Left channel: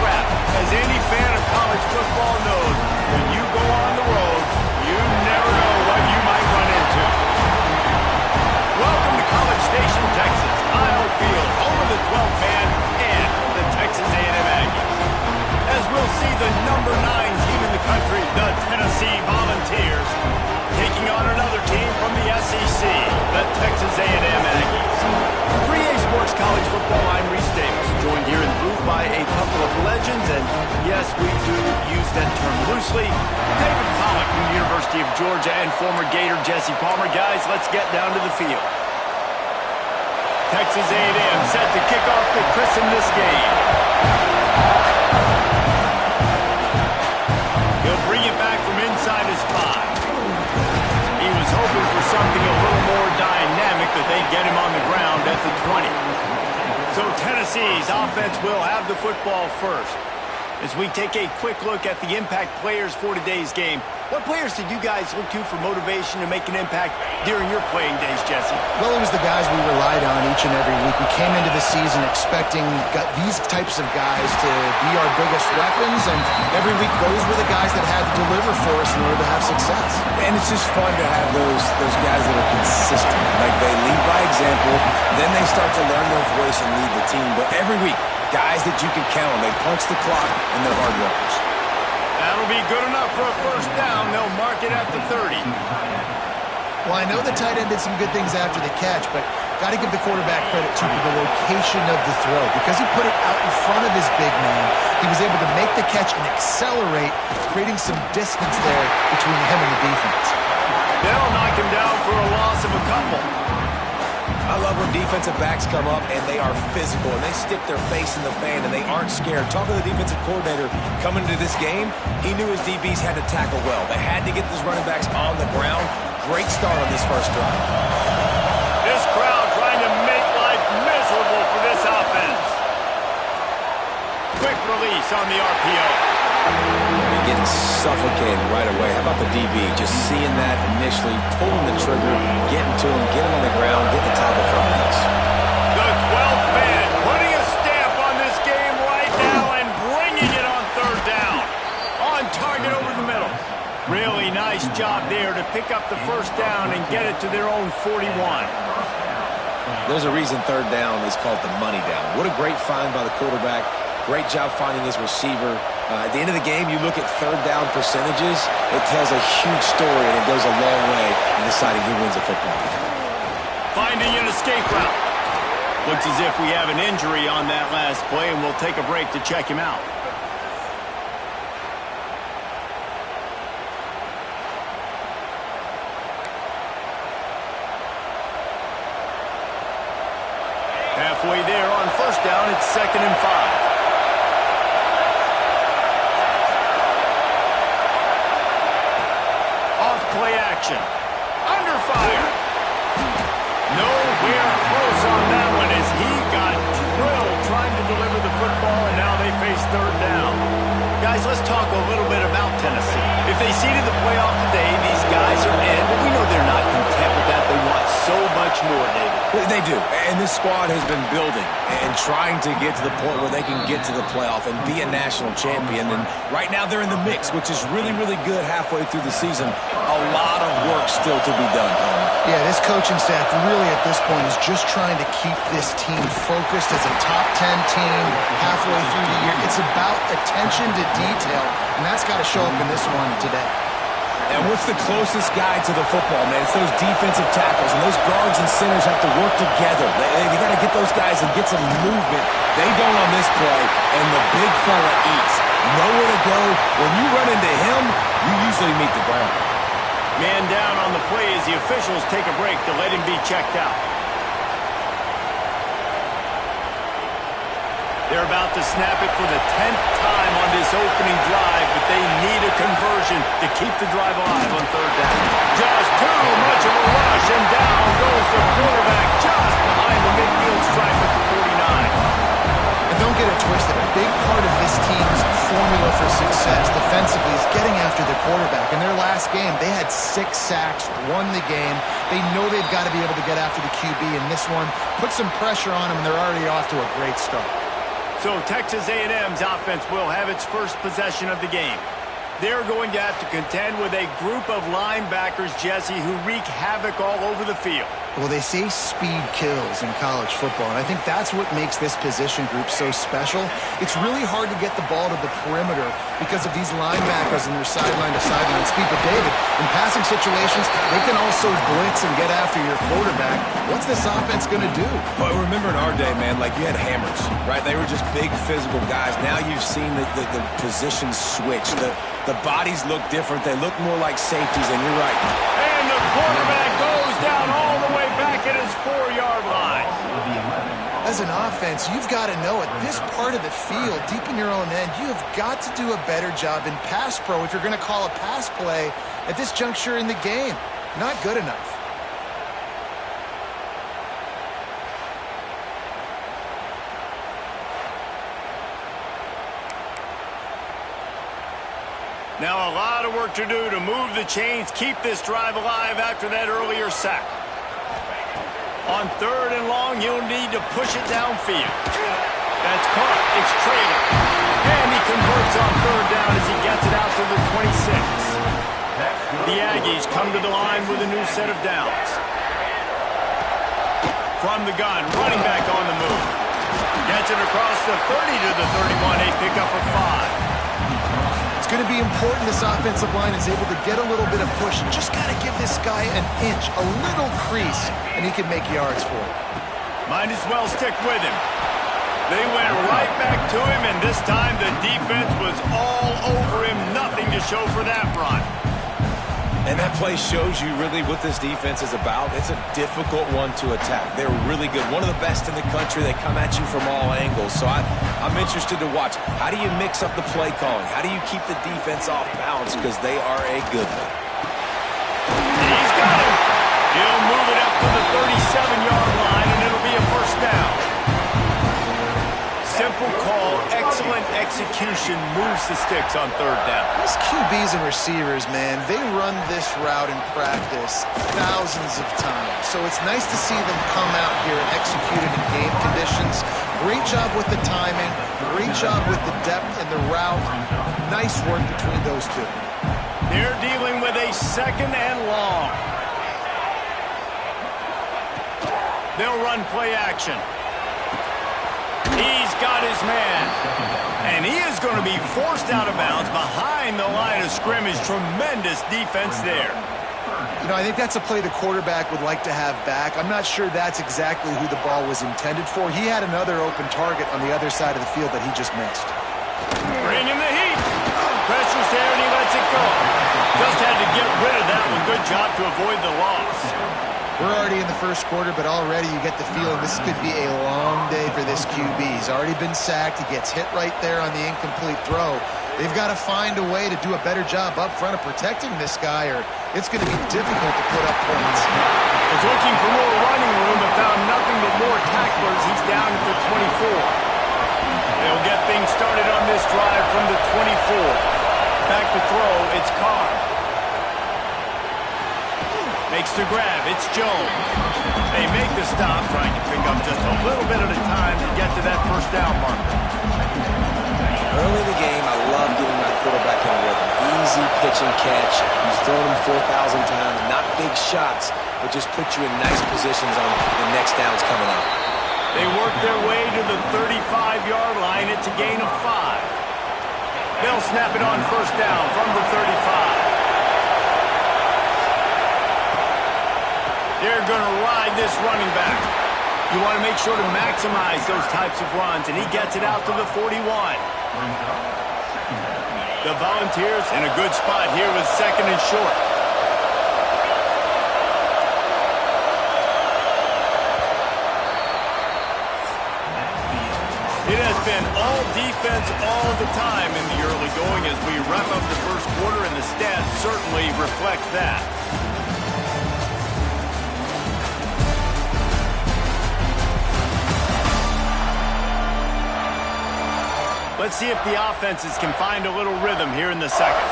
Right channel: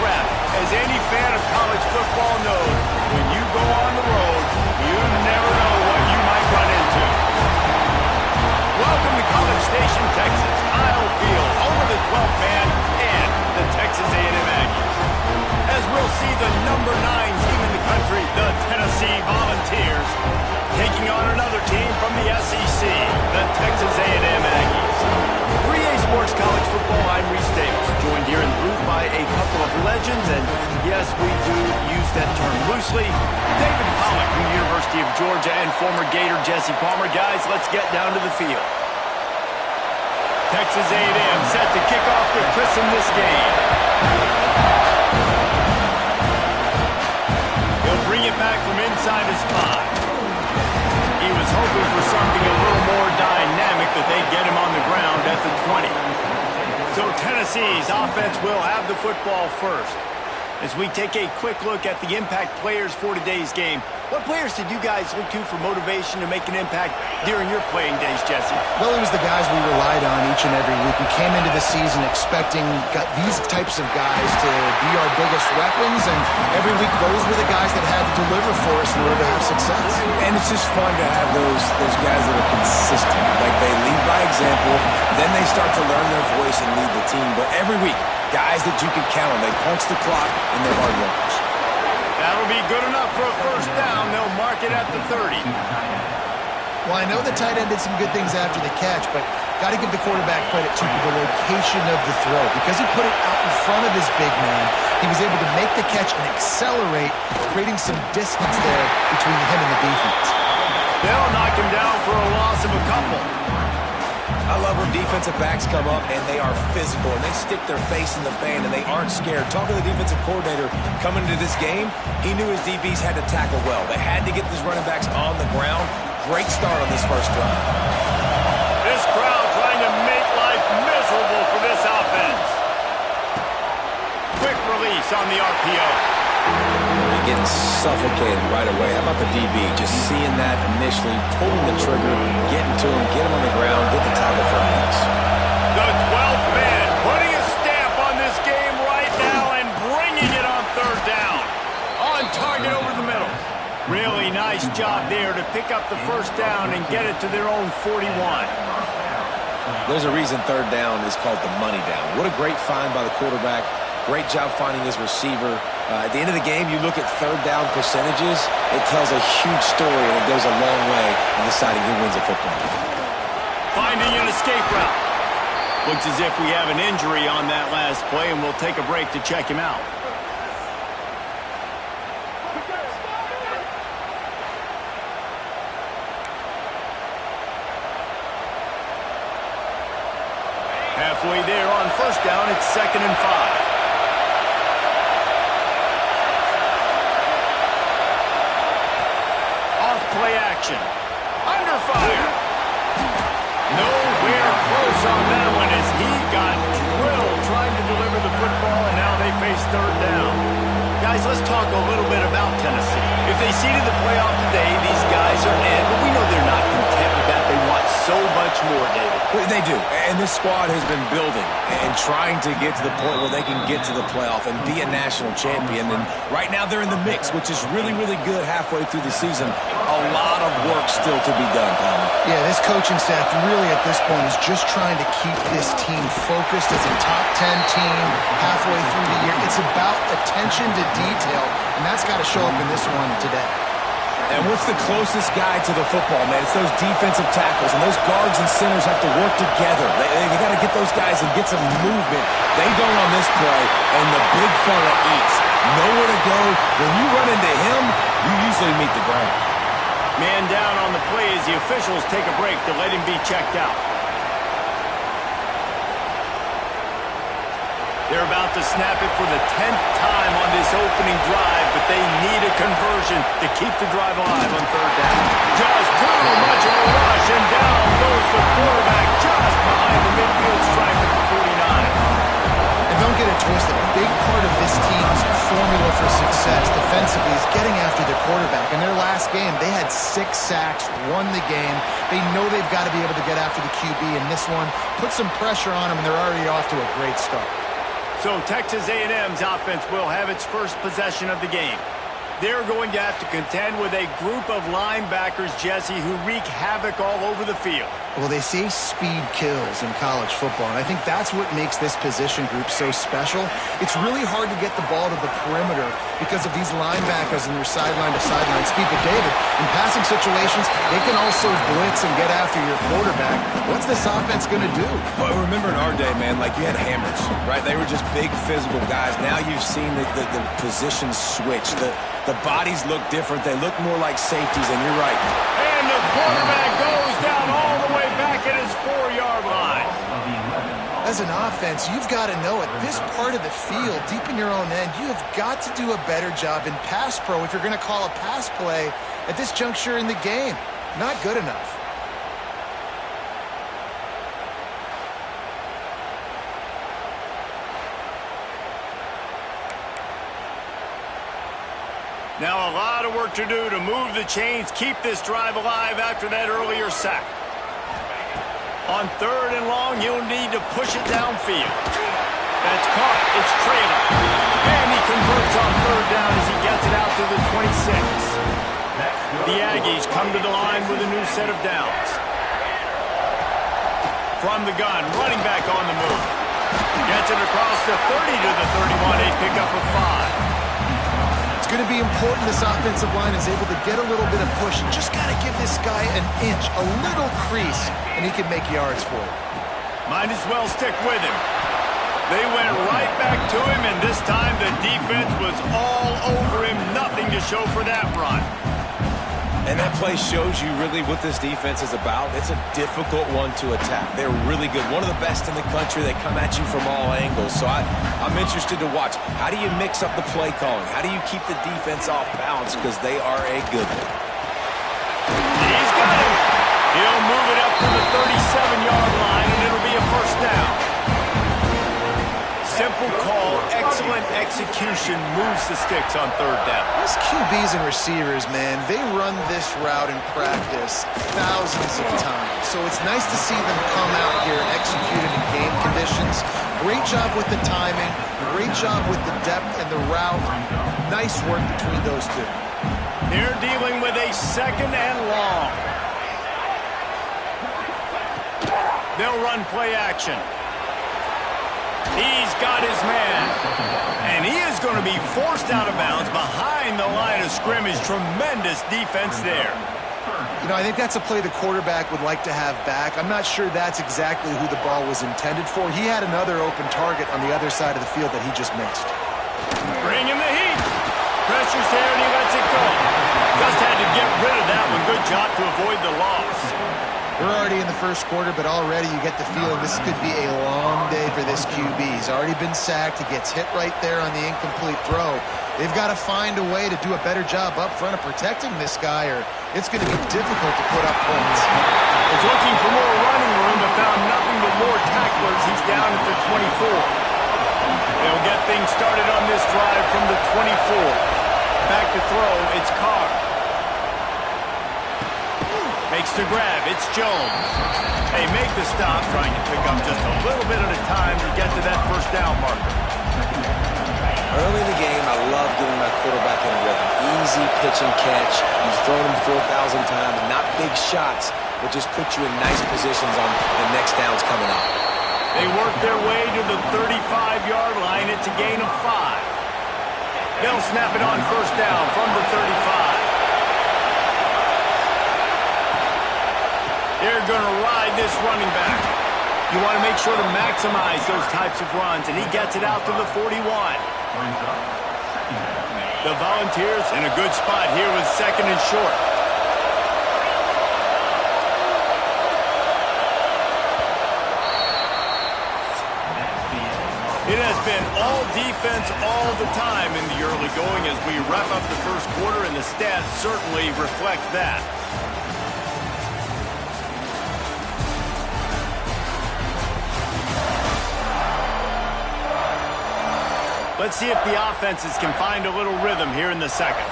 trap. As any fan of college football knows, when you go on the road, you never know what you might run into. Welcome to College Station, Texas, Kyle Field, home of the 12th man and the Texas A&M Aggies. As we'll see the number 9 team in the country, the Tennessee Volunteers, taking on another team from the SEC, the Texas A&M Aggies. 3A Sports College Football, I'm Reese Davis, joined here in the booth by a couple of legends, and yes, we do use that term loosely. David Pollack from the University of Georgia and former Gator Jesse Palmer. Guys, let's get down to the field. Texas A&M set to kick off to christen this game. He'll bring it back from inside his 5. He was hoping for something a little more dynamic, but they get him on the ground at the 20. So Tennessee's offense will have the football first. As we take a quick look at the impact players for today's game, what players did you guys look to for motivation to make an impact during your playing days, Jesse? Well, it was the guys we relied on each and every week. We came into the season expecting these types of guys to be our biggest weapons, and every week those were the guys that had to deliver for us in order to have success. And it's just fun to have those guys that are consistent. Like, they lead by example, then they start to learn their voice and lead the team. But every week, guys that you can count on, they punch the clock, and they're hard workers. That'll be good enough for a first down. They'll mark it at the 30. Well, I know the tight end did some good things after the catch, but got to give the quarterback credit, too, for the location of the throw. Because he put it out in front of his big man, he was able to make the catch and accelerate, creating some distance there between him and the defense. They'll knock him down for a loss of a couple. I love when defensive backs come up and they are physical and they stick their face in the fan and they aren't scared. Talking to the defensive coordinator coming into this game, he knew his DBs had to tackle well. They had to get these running backs on the ground. Great start on this first drive. This crowd trying to make life miserable for this offense. Quick release on the RPO. They're getting suffocated right away. How about the DB? Just seeing that initially, pulling the trigger, getting to him, get him on the ground, get the tackle for a miss. The 12th man putting a stamp on this game right now and bringing it on third down. On target over the middle. Really nice job there to pick up the first down and get it to their own 41. There's a reason third down is called the money down. What a great find by the quarterback. Great job finding his receiver. At the end of the game, you look at third down percentages, it tells a huge story, and it goes a long way in deciding who wins a football game. Finding an escape route. Looks as if we have an injury on that last play, and we'll take a break to check him out. Halfway there on first down, it's 2nd and 5. Play action. Under fire. Nowhere close on that one as he got drilled trying to deliver the football, and now they face third down. Guys, let's talk a little bit about Tennessee. If they seeded the playoff today, these guys are in, but we know they're not content with that. They want so much more, David. They do, and this squad has been building and trying to get to the point where they can get to the playoff and be a national champion. And right now they're in the mix, which is really, really good halfway through the season. A lot of work still to be done, Tom. Yeah, this coaching staff really at this point is just trying to keep this team focused as a top 10 team halfway through the year. It's about attention to detail, and that's got to show up in this one today. And what's the closest guy to the football, man? It's those defensive tackles, and those guards and centers have to work together. They got to get those guys and get some movement. They don't on this play, and the big fella eats. Nowhere to go. When you run into him, you usually meet the ground. Man down on the play as the officials take a break to let him be checked out. They're about to snap it for the 10th time on this opening drive, but they need a conversion to keep the drive alive on third down. Just too much of a rush, and down goes the quarterback just behind the midfield stripe at the 49. And don't get it twisted. A big part of this team's formula for success defensively is getting after the quarterback. In their last game, they had 6 sacks, won the game. They know they've got to be able to get after the QB, and this one put some pressure on them, and they're already off to a great start. So Texas A&M's offense will have its first possession of the game. They're going to have to contend with a group of linebackers, Jesse, who wreak havoc all over the field. Well, they say speed kills in college football, and I think that's what makes this position group so special. It's really hard to get the ball to the perimeter because of these linebackers and their sideline-to-sideline speed. But, David, in passing situations, they can also blitz and get after your quarterback. What's this offense going to do? Well, remember in our day, man, like you had hammers, right? They were just big physical guys. Now you've seen the positions switch. The bodies look different. They look more like safeties, and you're right. And the quarterback goes down all the way back at his 4-yard line. As an offense, you've got to know at this part of the field, deep in your own end, you have got to do a better job in pass pro if you're going to call a pass play at this juncture in the game. Not good enough. Now a lot of work to do to move the chains, keep this drive alive after that earlier sack. On 3rd and long, you'll need to push it downfield. That's caught. It's trailing. And he converts on 3rd down as he gets it out to the 26. The Aggies come to the line with a new set of downs. From the gun, running back on the move. Gets it across the 30 to the 31, a pickup of 5. It's going to be important this offensive line is able to get a little bit of push. You just got to give this guy an inch, a little crease, and he can make yards for it. Might as well stick with him. They went right back to him, and this time the defense was all over him. Nothing to show for that run. And that play shows you really what this defense is about. It's a difficult one to attack. They're really good. One of the best in the country. They come at you from all angles. So I'm interested to watch. How do you mix up the play calling? How do you keep the defense off balance? Because they are a good one. He's got him. He'll move it up to the 37-yard line, and it'll be a first down. Simple call, excellent execution, moves the sticks on 3rd down. These QBs and receivers, man, they run this route in practice thousands of times. So it's nice to see them come out here and execute it in game conditions. Great job with the timing, great job with the depth and the route. Nice work between those two. They're dealing with a 2nd and long. They'll run play action. He's got his man. And he is going to be forced out of bounds behind the line of scrimmage. Tremendous defense there. You know, I think that's a play the quarterback would like to have back. I'm not sure that's exactly who the ball was intended for. He had another open target on the other side of the field that he just missed. Bringing the heat. Pressure's there and he lets it go. Just had to get rid of that one. Good job to avoid the loss. We're already in the first quarter, but already you get the feeling this could be a long day for this QB. He's already been sacked. He gets hit right there on the incomplete throw. They've got to find a way to do a better job up front of protecting this guy, or it's going to be difficult to put up points. Was looking for more running room, but found nothing but more tacklers. He's down at the 24. They'll get things started on this drive from the 24. Back to throw, it's Carr. Makes the grab, it's Jones. They make the stop, trying to pick up just a little bit at a time to get to that first down marker. Early in the game, I love getting my quarterback in a rhythm. Easy pitch and catch. You've thrown him 4,000 times. Not big shots, but just put you in nice positions on the next downs coming up. They work their way to the 35-yard line. It's a gain of 5. They'll snap it on first down from the 35. They're going to ride this running back. You want to make sure to maximize those types of runs, and he gets it out to the 41. The Volunteers in a good spot here with 2nd and short. It has been all defense all the time in the early going as we wrap up the first quarter, and the stats certainly reflect that. Let's see if the offenses can find a little rhythm here in the second.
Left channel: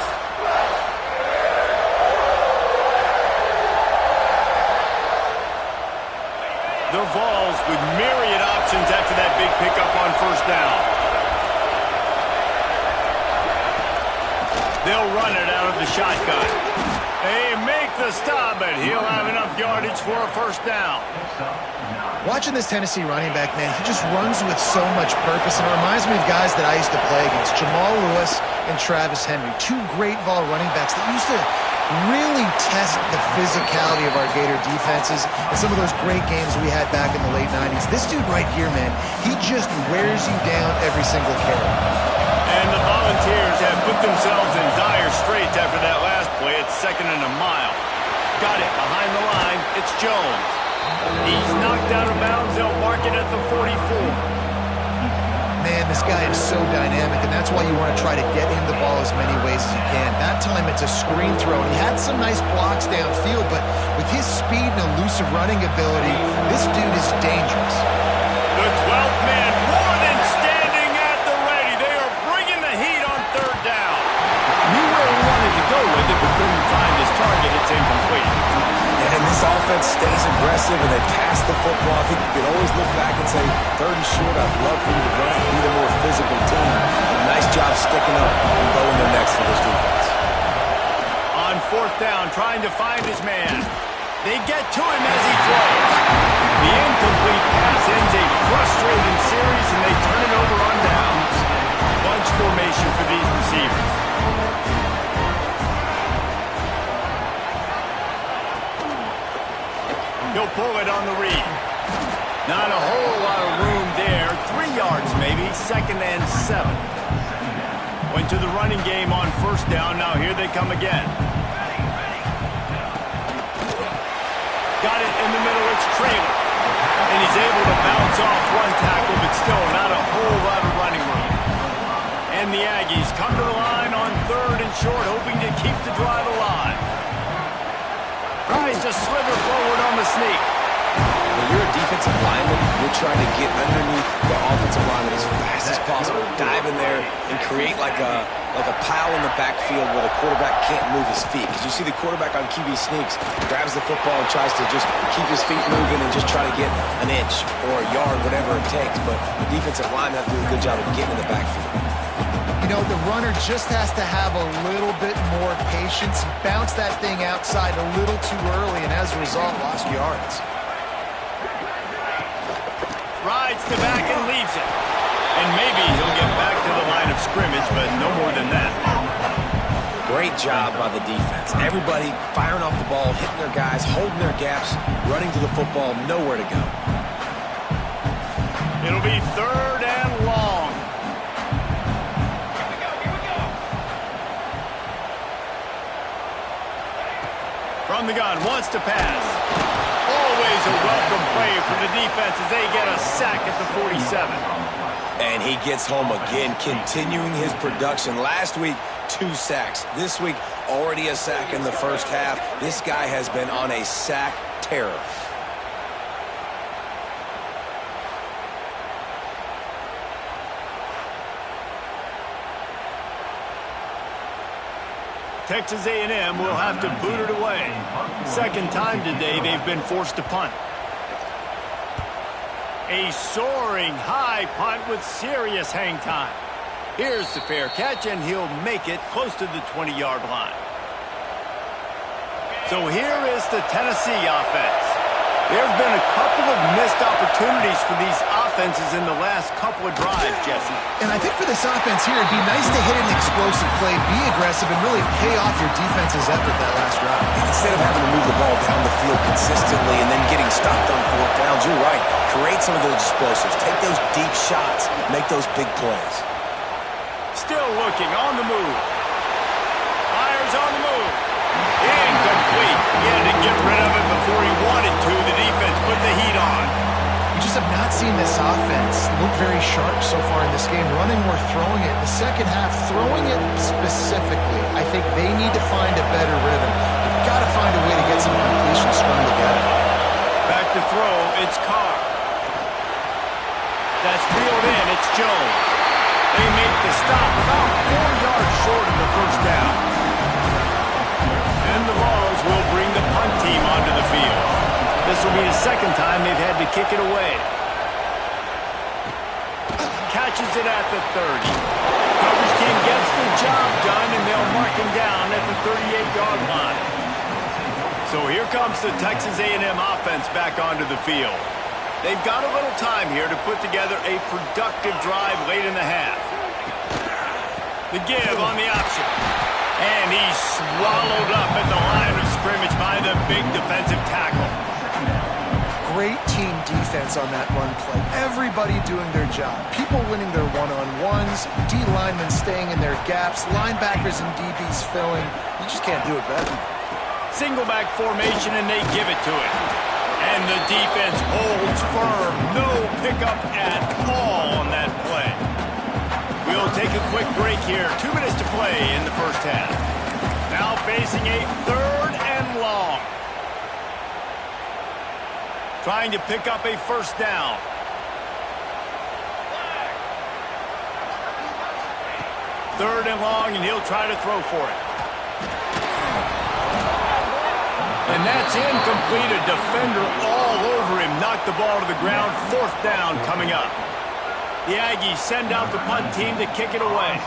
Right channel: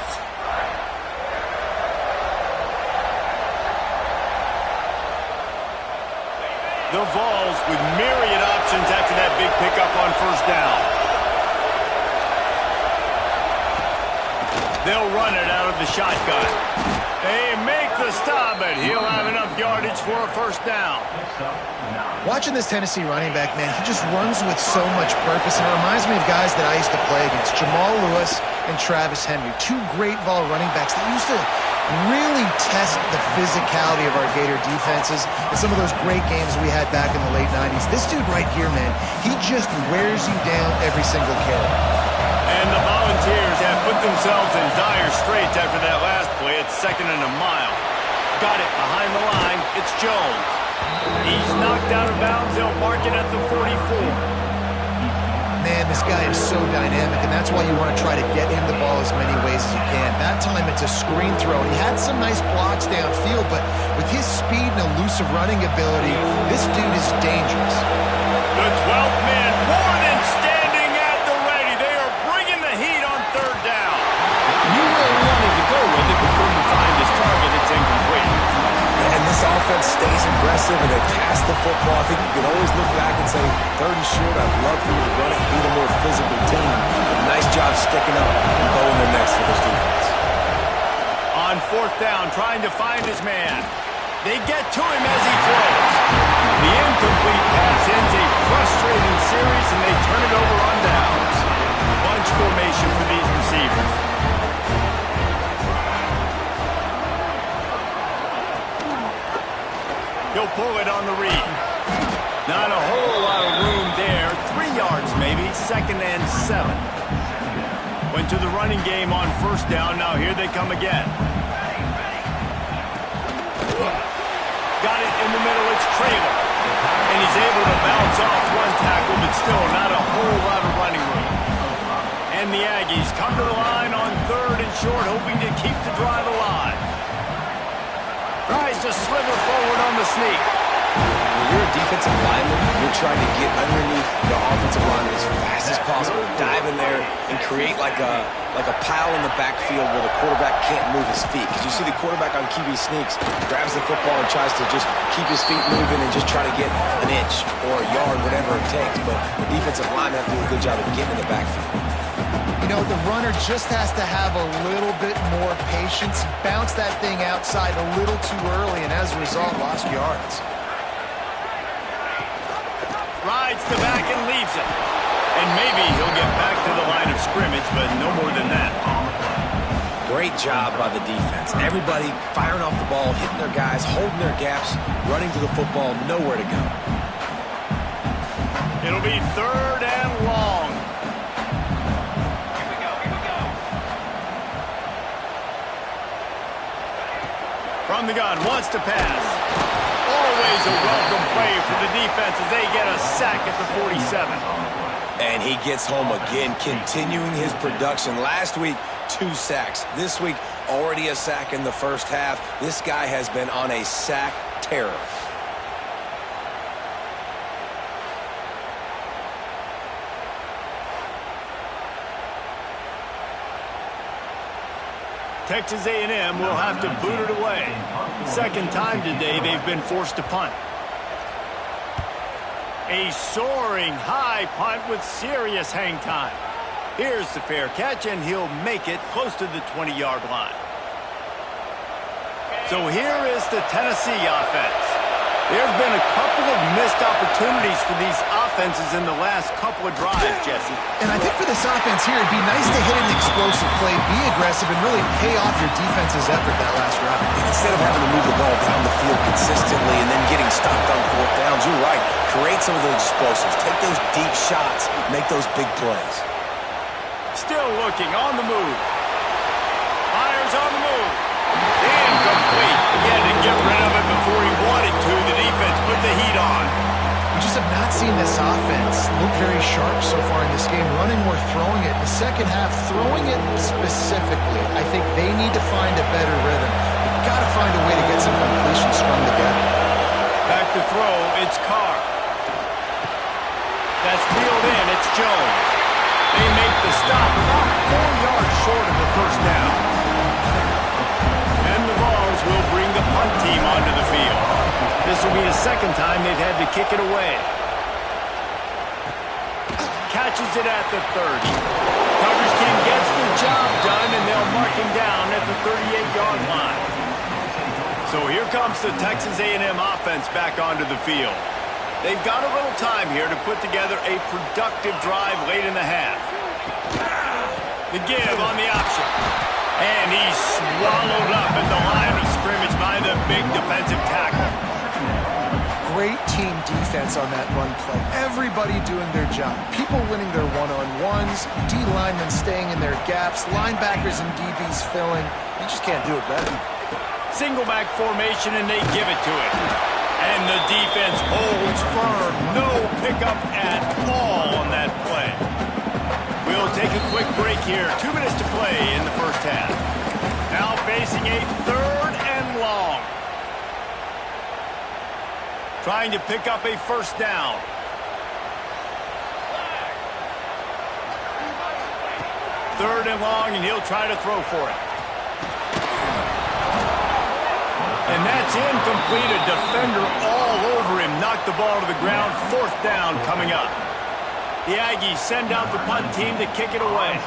The Vols with myriad options after that big pickup on first down. They'll run it out of the shotgun. They make the stop, but he'll have enough yardage for a first down. Watching this Tennessee running back, man, he just runs with so much purpose, and it reminds me of guys that I used to play against, Jamal Lewis and Travis Henry, two great vol running backs that used to really test the physicality of our Gator defenses in some of those great games we had back in the late 90s. This dude right here, man, he just wears you down every single carry. And the Volunteers have put themselves in dire straits after that last play. It's 2nd and a mile. Got it behind the line. It's Jones. He's knocked out of bounds. They'll mark it at the 44. Man, this guy is so dynamic, and that's why you want to try to get him the ball as many ways as you can. That time it's a screen throw. He had some nice blocks downfield, but with his speed and elusive running ability, this dude is dangerous. The 12th man more than standing at the ready. They are bringing the heat on 3rd down. Knew where he wanted to go with it, but couldn't find his target. It's incomplete. And this offense stays aggressive, and they pass the football. I think you could always look back and say, 3rd and short, I'd love for you to run it, beat a more physical team. But nice job sticking up and bowing their necks for this defense. On 4th down, trying to find his man. They get to him as he throws. The incomplete pass ends a frustrating series, and they turn it over on downs. Bunch formation for these receivers. He'll pull it on the read. Not a whole lot of room there. 3 yards maybe, 2nd and 7. Went to the running game on 1st down. Now here they come again. Got it in the middle. It's Traylor. And he's able to bounce off one tackle, but still not a whole lot of running room. And the Aggies come to the line on 3rd and short, hoping to keep the drive alive. Tries to slither forward on the sneak. When you're a defensive lineman, you're trying to get underneath the offensive lineman as fast as possible, dive in there, and create like a pile in the backfield where the quarterback can't move his feet. Because you see the quarterback on QB sneaks, grabs the football and tries to just keep his feet moving and just try to get an inch or a yard, whatever it takes. But the defensive linemen have to do a good job of getting in the backfield. You know, the runner just has to have a little bit more patience. Bounce that thing outside a little too early, and as a result, lost yards. Rides the back and leaves it. And maybe he'll get back to the line of scrimmage, but no more than that. Great job by the defense. Everybody firing off the ball, hitting their guys, holding their gaps, running to the football, nowhere to go. It'll be 3rd and long. From the gun, wants to pass. Always a welcome play for the defense as they get a sack at the 47. And he gets home again, continuing his production. Last week, 2 sacks. This week, already a sack in the 1st half. This guy has been on a sack terror. Texas A&M will have to boot it away. 2nd time today they've been forced to punt. A soaring high punt with serious hang time. Here's the fair catch, and he'll make it close to the 20-yard line. So here is the Tennessee offense. There's been a couple of missed opportunities for these offenses in the last couple of drives, Jesse. And I think for this offense here, it'd be nice to hit an explosive play, be aggressive, and really pay off your defense's effort that last drive. Instead of having to move the ball down the field consistently and then getting stopped on 4th downs, you're right. Create some of those explosives. Take those deep shots. Make those big plays. Still looking on the move. Fires on the move. Incomplete. He had to get rid of it before he wanted to. The defense put the heat on. We just have not seen this offense look very sharp so far in this game. Running or throwing it. In the 2nd half, throwing it specifically, I think they need to find a better rhythm. They've got to find a way to get some completions strung together. Back to throw, it's Carr. That's reeled in, it's Jones. They make the stop about 4 yards short of the 1st down. And the Vols will bring the punt team onto the field. This will be the 2nd time they've had to kick it away. Catches it at the 30. Coverage team gets the job done, and they'll mark him down at the 38-yard line. So here comes the Texas A&M offense back onto the field. They've got a little time here to put together a productive drive late in the half. The give on the option. And he's swallowed up at the line of scrimmage by the big defensive tackle. Great team defense on that run play. Everybody doing their job. People winning their one-on-ones, D linemen staying in their gaps, linebackers and DBs filling. You just can't do it better. Single back formation, and they give it to it. And the defense holds firm. No pickup at all on that play. We'll take a quick break here. 2 minutes to play in the first half. Now facing a 3rd and long. Trying to pick up a first down. Third and long, and he'll try to throw for it. And that's incomplete. A defender all over him. Knocked the ball to the ground. 4th down coming up. The Aggies send out the punt team to kick it away.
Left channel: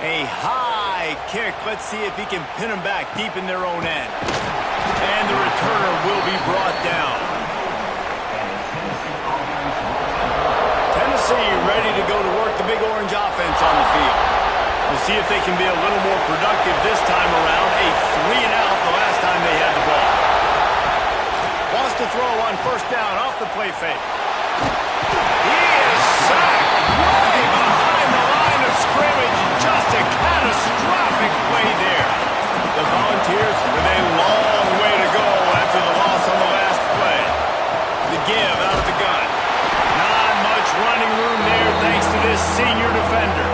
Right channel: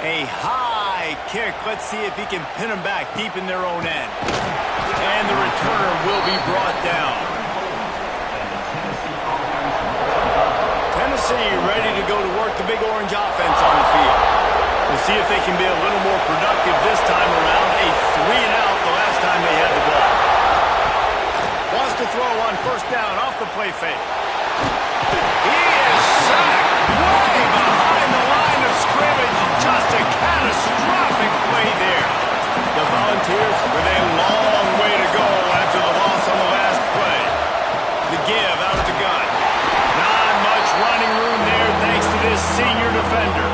A high kick. Let's see if he can pin them back deep in their own end. And the returner will be brought down. Tennessee ready to go to work the Big Orange offense on the field. We'll see if they can be a little more productive this time around. A 3-and-out the last time they had the ball. Wants to throw on first down off the play fake. He is sacked way behind the line of scrimmage. Just a catastrophic play there. The Volunteers with a long way to go after the loss on the last play. The give out of the gun. Not much running room there thanks to this senior defender.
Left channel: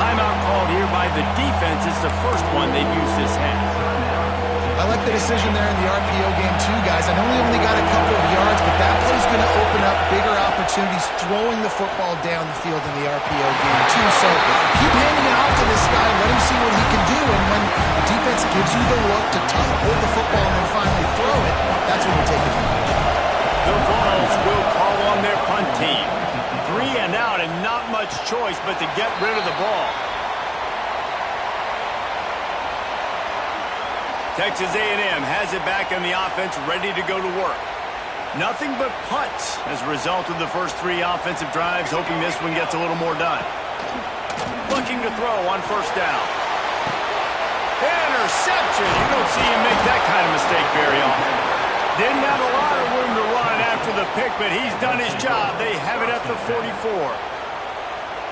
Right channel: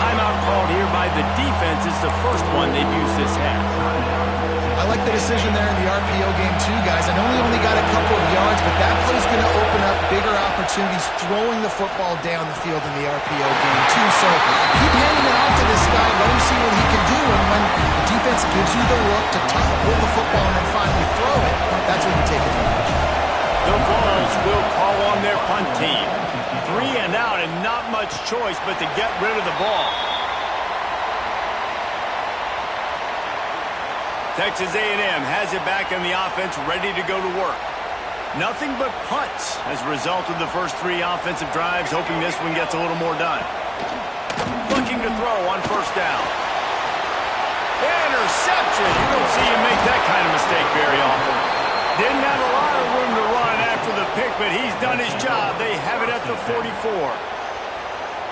Timeout called here by the defense. It's the first one they've used this half. I like the decision there in the RPO game too, guys. I know he only got a couple of yards, but that play's going to open up bigger opportunities throwing the football down the field in the RPO game too. So keep handing it off to this guy. Let him see what he can do. And when the defense gives you the look to hold the football and then finally throw it, that's when you take advantage. The Vols will call on their punt team. 3 and out and not much choice but to get rid of the ball. Texas A&M has it back on the offense, ready to go to work. Nothing but punts as a result of the first 3 offensive drives, hoping this one gets a little more done. Looking to throw on first down. Interception! You don't see him make that kind of mistake very often. Didn't have a lot of room to run after the pick, but he's done his job. They have it at the 44.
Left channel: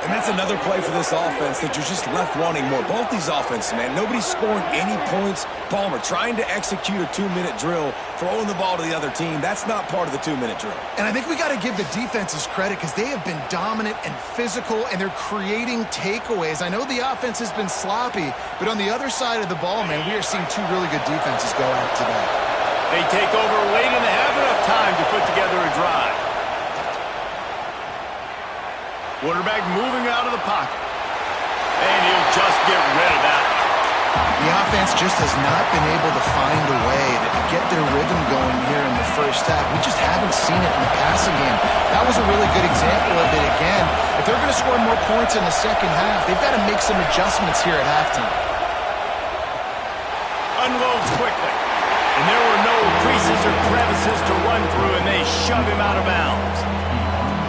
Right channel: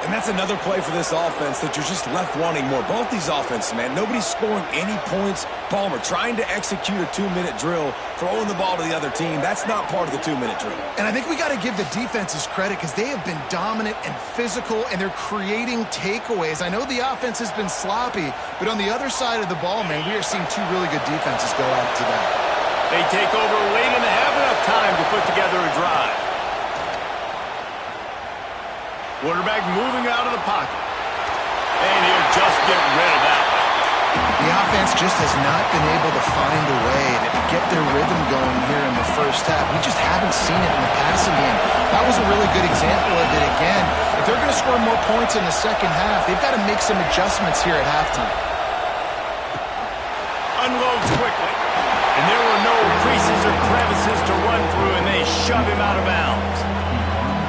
And that's another play for this offense that you're just left wanting more. Both these offenses, man, nobody's scoring any points. Palmer trying to execute a 2-minute drill, throwing the ball to the other team. That's not part of the 2-minute drill. And I think we got to give the defenses credit because they have been dominant and physical, and they're creating takeaways. I know the offense has been sloppy, but on the other side of the ball, man, we are seeing 2 really good defenses go at it today. They take over late and they have enough time to put together a drive. Quarterback moving out of the pocket. And he'll just get rid of that one. The offense just has not been able to find a way to get their rhythm going here in the first half. We just haven't seen it in the passing game. That was a really good example of it again. If they're going to score more points in the second half, they've got to make some adjustments here at halftime. Unloads quickly. And there were no creases or crevices to run through, and they shove him out of bounds.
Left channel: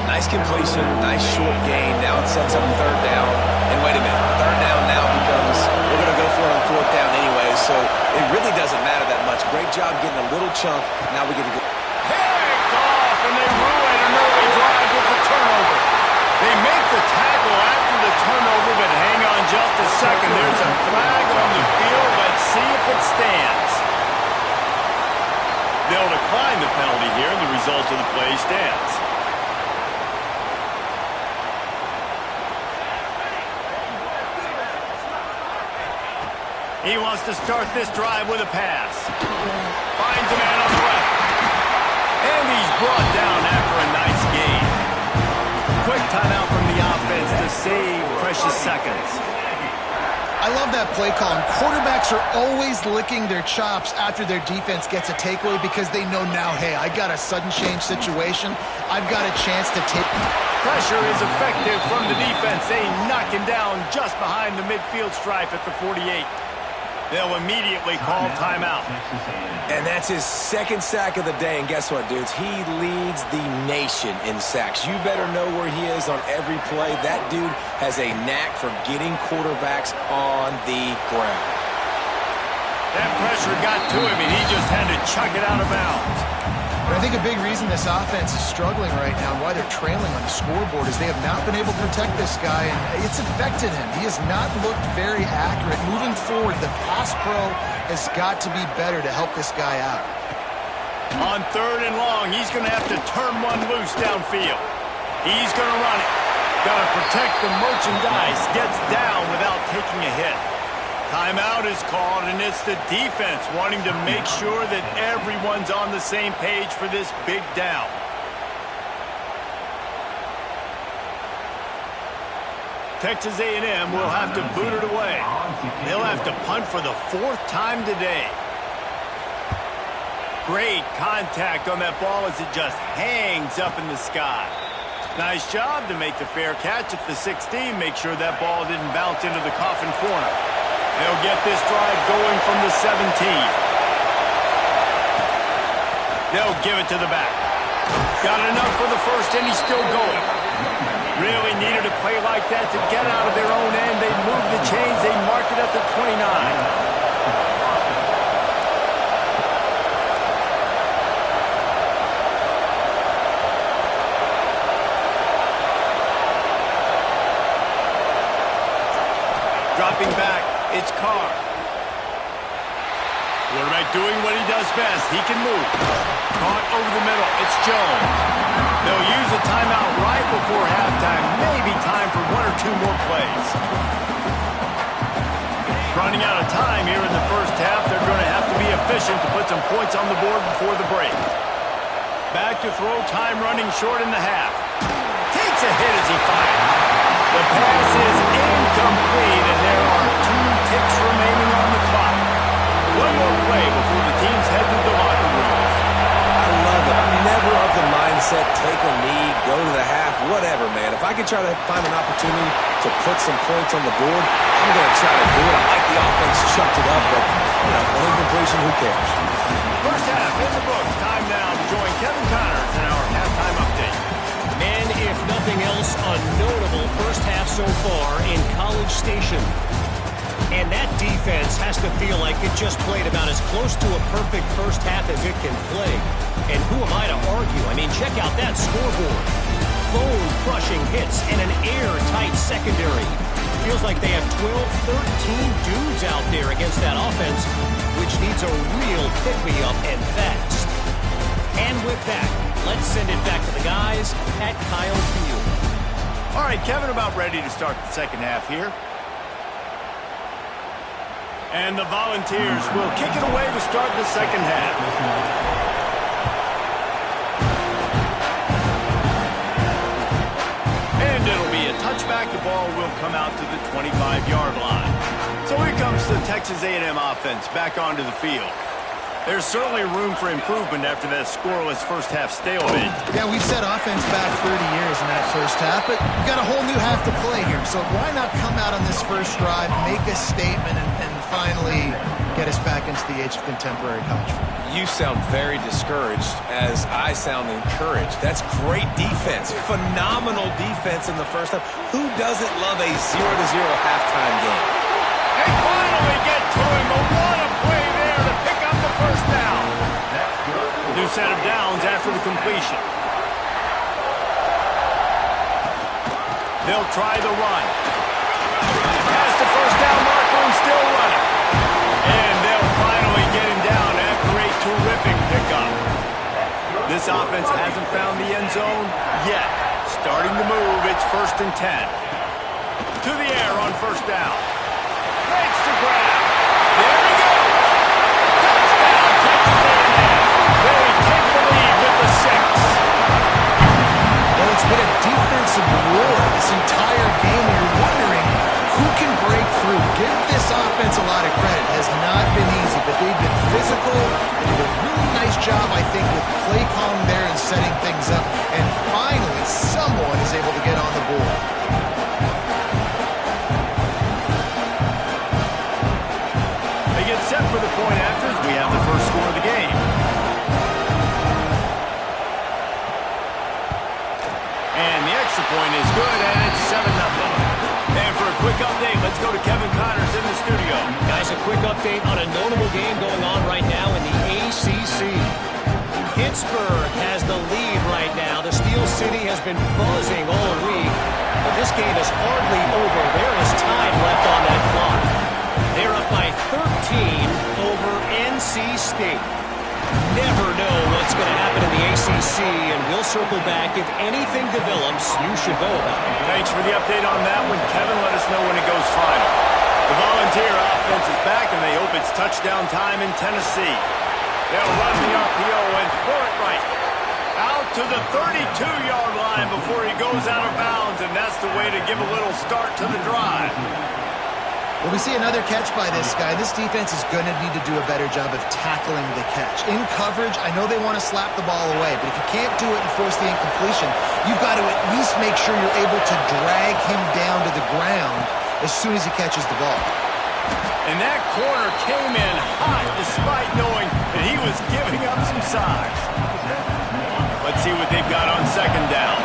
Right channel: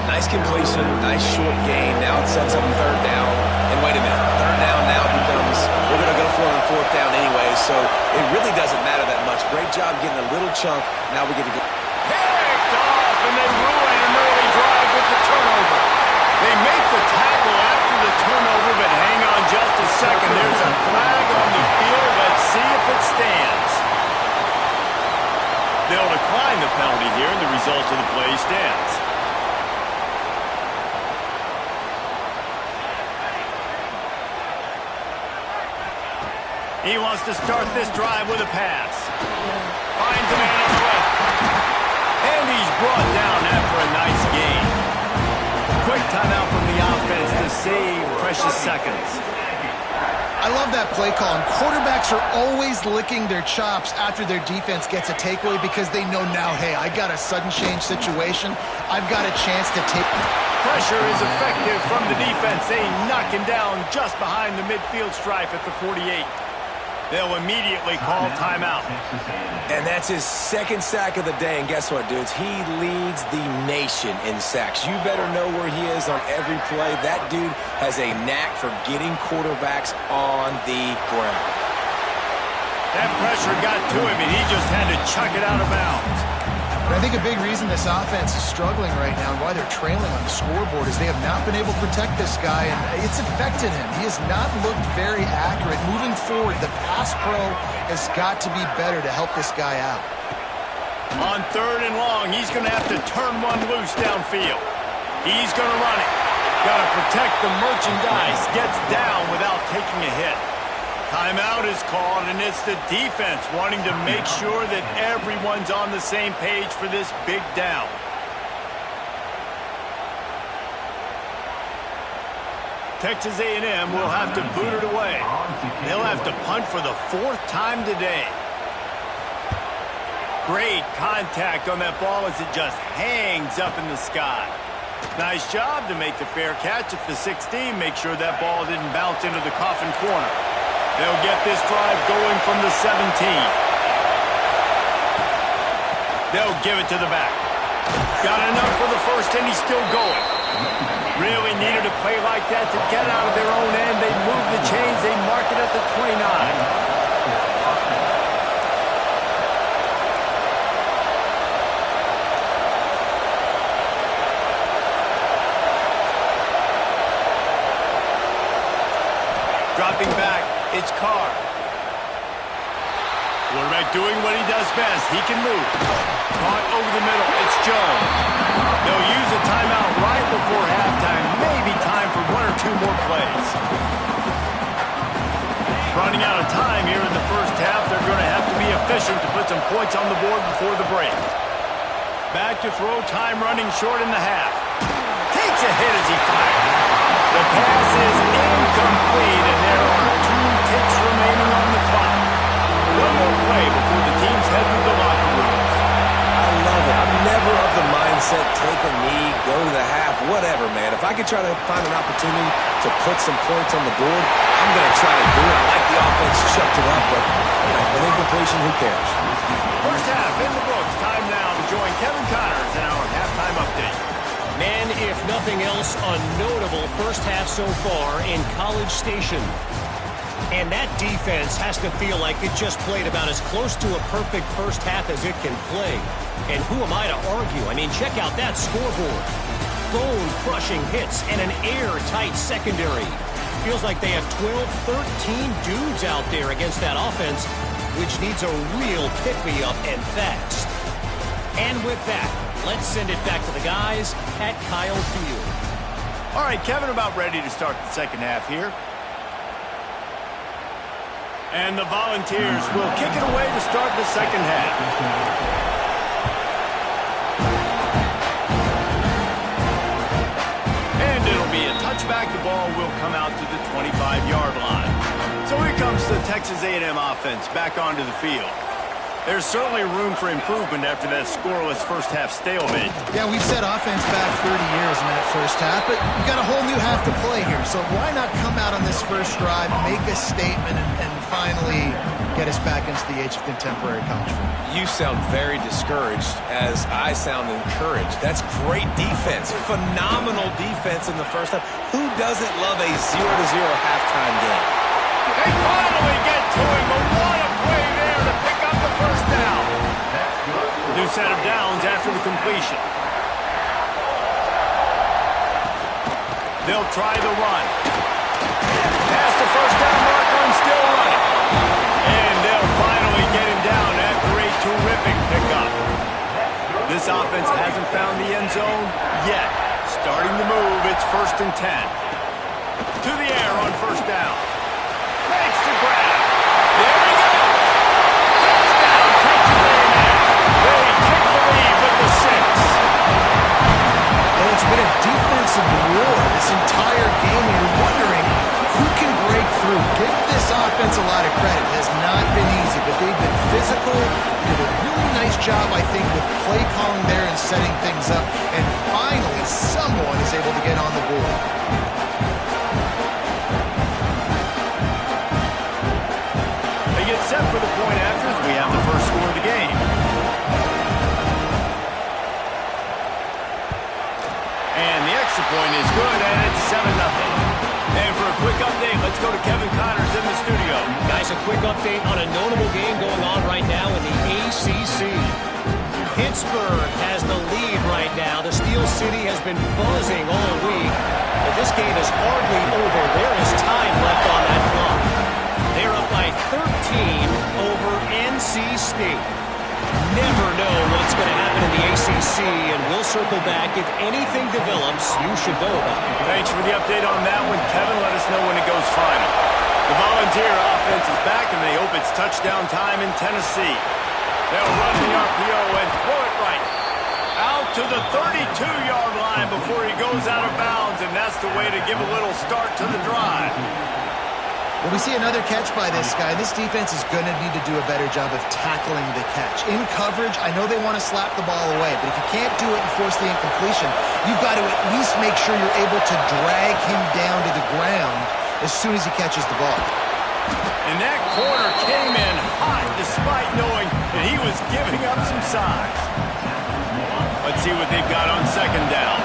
Nice completion, nice short gain. Now it sets up 3rd down. And wait a minute, 3rd down now becomes, we're going to go for it on 4th down anyway, so it really doesn't matter that much. Great job getting a little chunk. Now we get to go. Picked off, and they ruin an early drive with the turnover. They make the tackle after the turnover, but hang on just a second. There's a flag on the field. Let's see if it stands. They'll decline the penalty here, and the result of the play stands. He wants to start this drive with a pass. Finds a man on the left. And he's brought down after a nice gain. Quick timeout from the offense to save precious seconds. I love that play call. And quarterbacks are always licking their chops after their defense gets a takeaway because they know now, hey, I got a sudden change situation. I've got a chance to take... Pressure is effective from the defense. They knock him down just behind the midfield stripe at the 48. They'll immediately call timeout. And that's his second sack of the day. And guess what, dudes? He leads the nation in sacks. You better know where he is on every play. That dude has a knack for getting quarterbacks on the ground. That pressure got to him, and he just had to chuck it out of bounds. But I think a big reason this offense is struggling right now and why they're trailing on the scoreboard is they have not been able to protect this guy, and it's affected him. He has not looked very accurate. Moving forward, the pass pro has got to be better to help this guy out. On 3rd and long, he's going to have to turn one loose downfield. He's going to run it. Got to protect the merchandise. Gets down without taking a hit. Timeout is called, and it's the defense wanting to make sure that everyone's on the same page for this big down. Texas A&M will have to boot it away. They'll have to punt for the 4th time today. Great contact on that ball as it just hangs up in the sky. Nice job to make the fair catch at the 16. Make sure that ball didn't bounce into the coffin corner. They'll get this drive going from the 17. They'll give it to the back. Got enough for the first, and he's still going. Really needed a play like that to get out of their own end. They move the chains. They mark it at the 29. Dropping back, it's Carr. Quarterback doing what he does best. He can move. Caught over the middle. It's Jones. They'll use a timeout right before halftime. Maybe time for 1 or 2 more plays. Running out of time here in the first half. They're going to have to be efficient to put some points on the board before the break. Back to throw. Time running short in the half. Takes a hit as he fires. The pass is incomplete, and there are 2 ticks remaining on the clock. 1 more play before the teams head to the locker rooms. I love it. I'm never of the mindset, take a knee, go to the half, whatever, man. If I could try to find an opportunity to put some points on the board, I'm going to try to do it. I like the offense chucked it up, but, you know, an incompletion, who cares? First half in the books. Time now to join Kevin Connors in our halftime update. Man, if nothing else, a notable first half so far in College Station. And that defense has to feel like it just played about as close to a perfect first half as it can play. And who am I to argue? I mean, check out that scoreboard. Bone-crushing hits and an airtight secondary. Feels like they have 12, 13 dudes out there against that offense, which needs a real pick-me-up and fast. And with that, let's send it back to the guys at Kyle Field. All right, Kevin, about ready to start the second half here. And the Volunteers will kick it away to start the second half. And it'll be a touchback. The ball will come out to the 25-yard line. So here comes the Texas A&M offense back onto the field. There's certainly room for improvement after that scoreless first half stalemate. Yeah, we've set offense back 30 years in that first half, but we've got a whole new half to play here. So why not come out on this first drive, make a statement, and finally get us back into the age of contemporary college football? You sound very discouraged as I sound encouraged. That's great defense. Phenomenal defense in the first half. Who doesn't love a 0-0 halftime game? They finally get to him, but what a play there to pick up the first down. New set of downs after the completion. They'll try the run. Past the first down marker and still running. And they'll finally get him down after a terrific pickup. This offense hasn't found the end zone yet. Starting to move, it's 1st and 10. To the air on first down. Makes the grab. There he goes. Touchdown, Texas A&M. They take the lead with the 6. Well, it's been a defensive war this entire game. You're wondering who can break through. Give this offense a lot of credit. It has not been easy, but they've been physical. They did a really nice job, I think, with play calling there and setting things up. And finally, someone is able to get on the board. They get set for the point after as we have the first score of the game. And the extra point is good, and it's 7-0. And for a quick update, let's go to Kevin Connors in the studio. Guys, a quick update on a notable game going on right now in the ACC. Pittsburgh has the lead right now. The Steel City has been buzzing all week, but this game is hardly over. There is time left on that clock. They're up by 13 over NC State. Never know what's going to happen in the ACC, and we'll circle back. If anything develops, you should know about it. Thanks for the update on that one, Kevin. Let us know when it goes final. The Volunteer offense is back, and they hope it's touchdown time in Tennessee. They'll run the RPO and throw it right out to the 32-yard line before he goes out of bounds, and that's the way to give a little start to the drive. Well, we see another catch by this guy. This defense is going to need to do a better job of tackling the catch. In coverage, I know they want to slap the ball away, but if you can't do it and force the incompletion, you've got to at least make sure you're able to drag him down to the ground as soon as he catches the ball. And that corner came in hot despite knowing that he was giving up some size. Let's see what they've got on second down.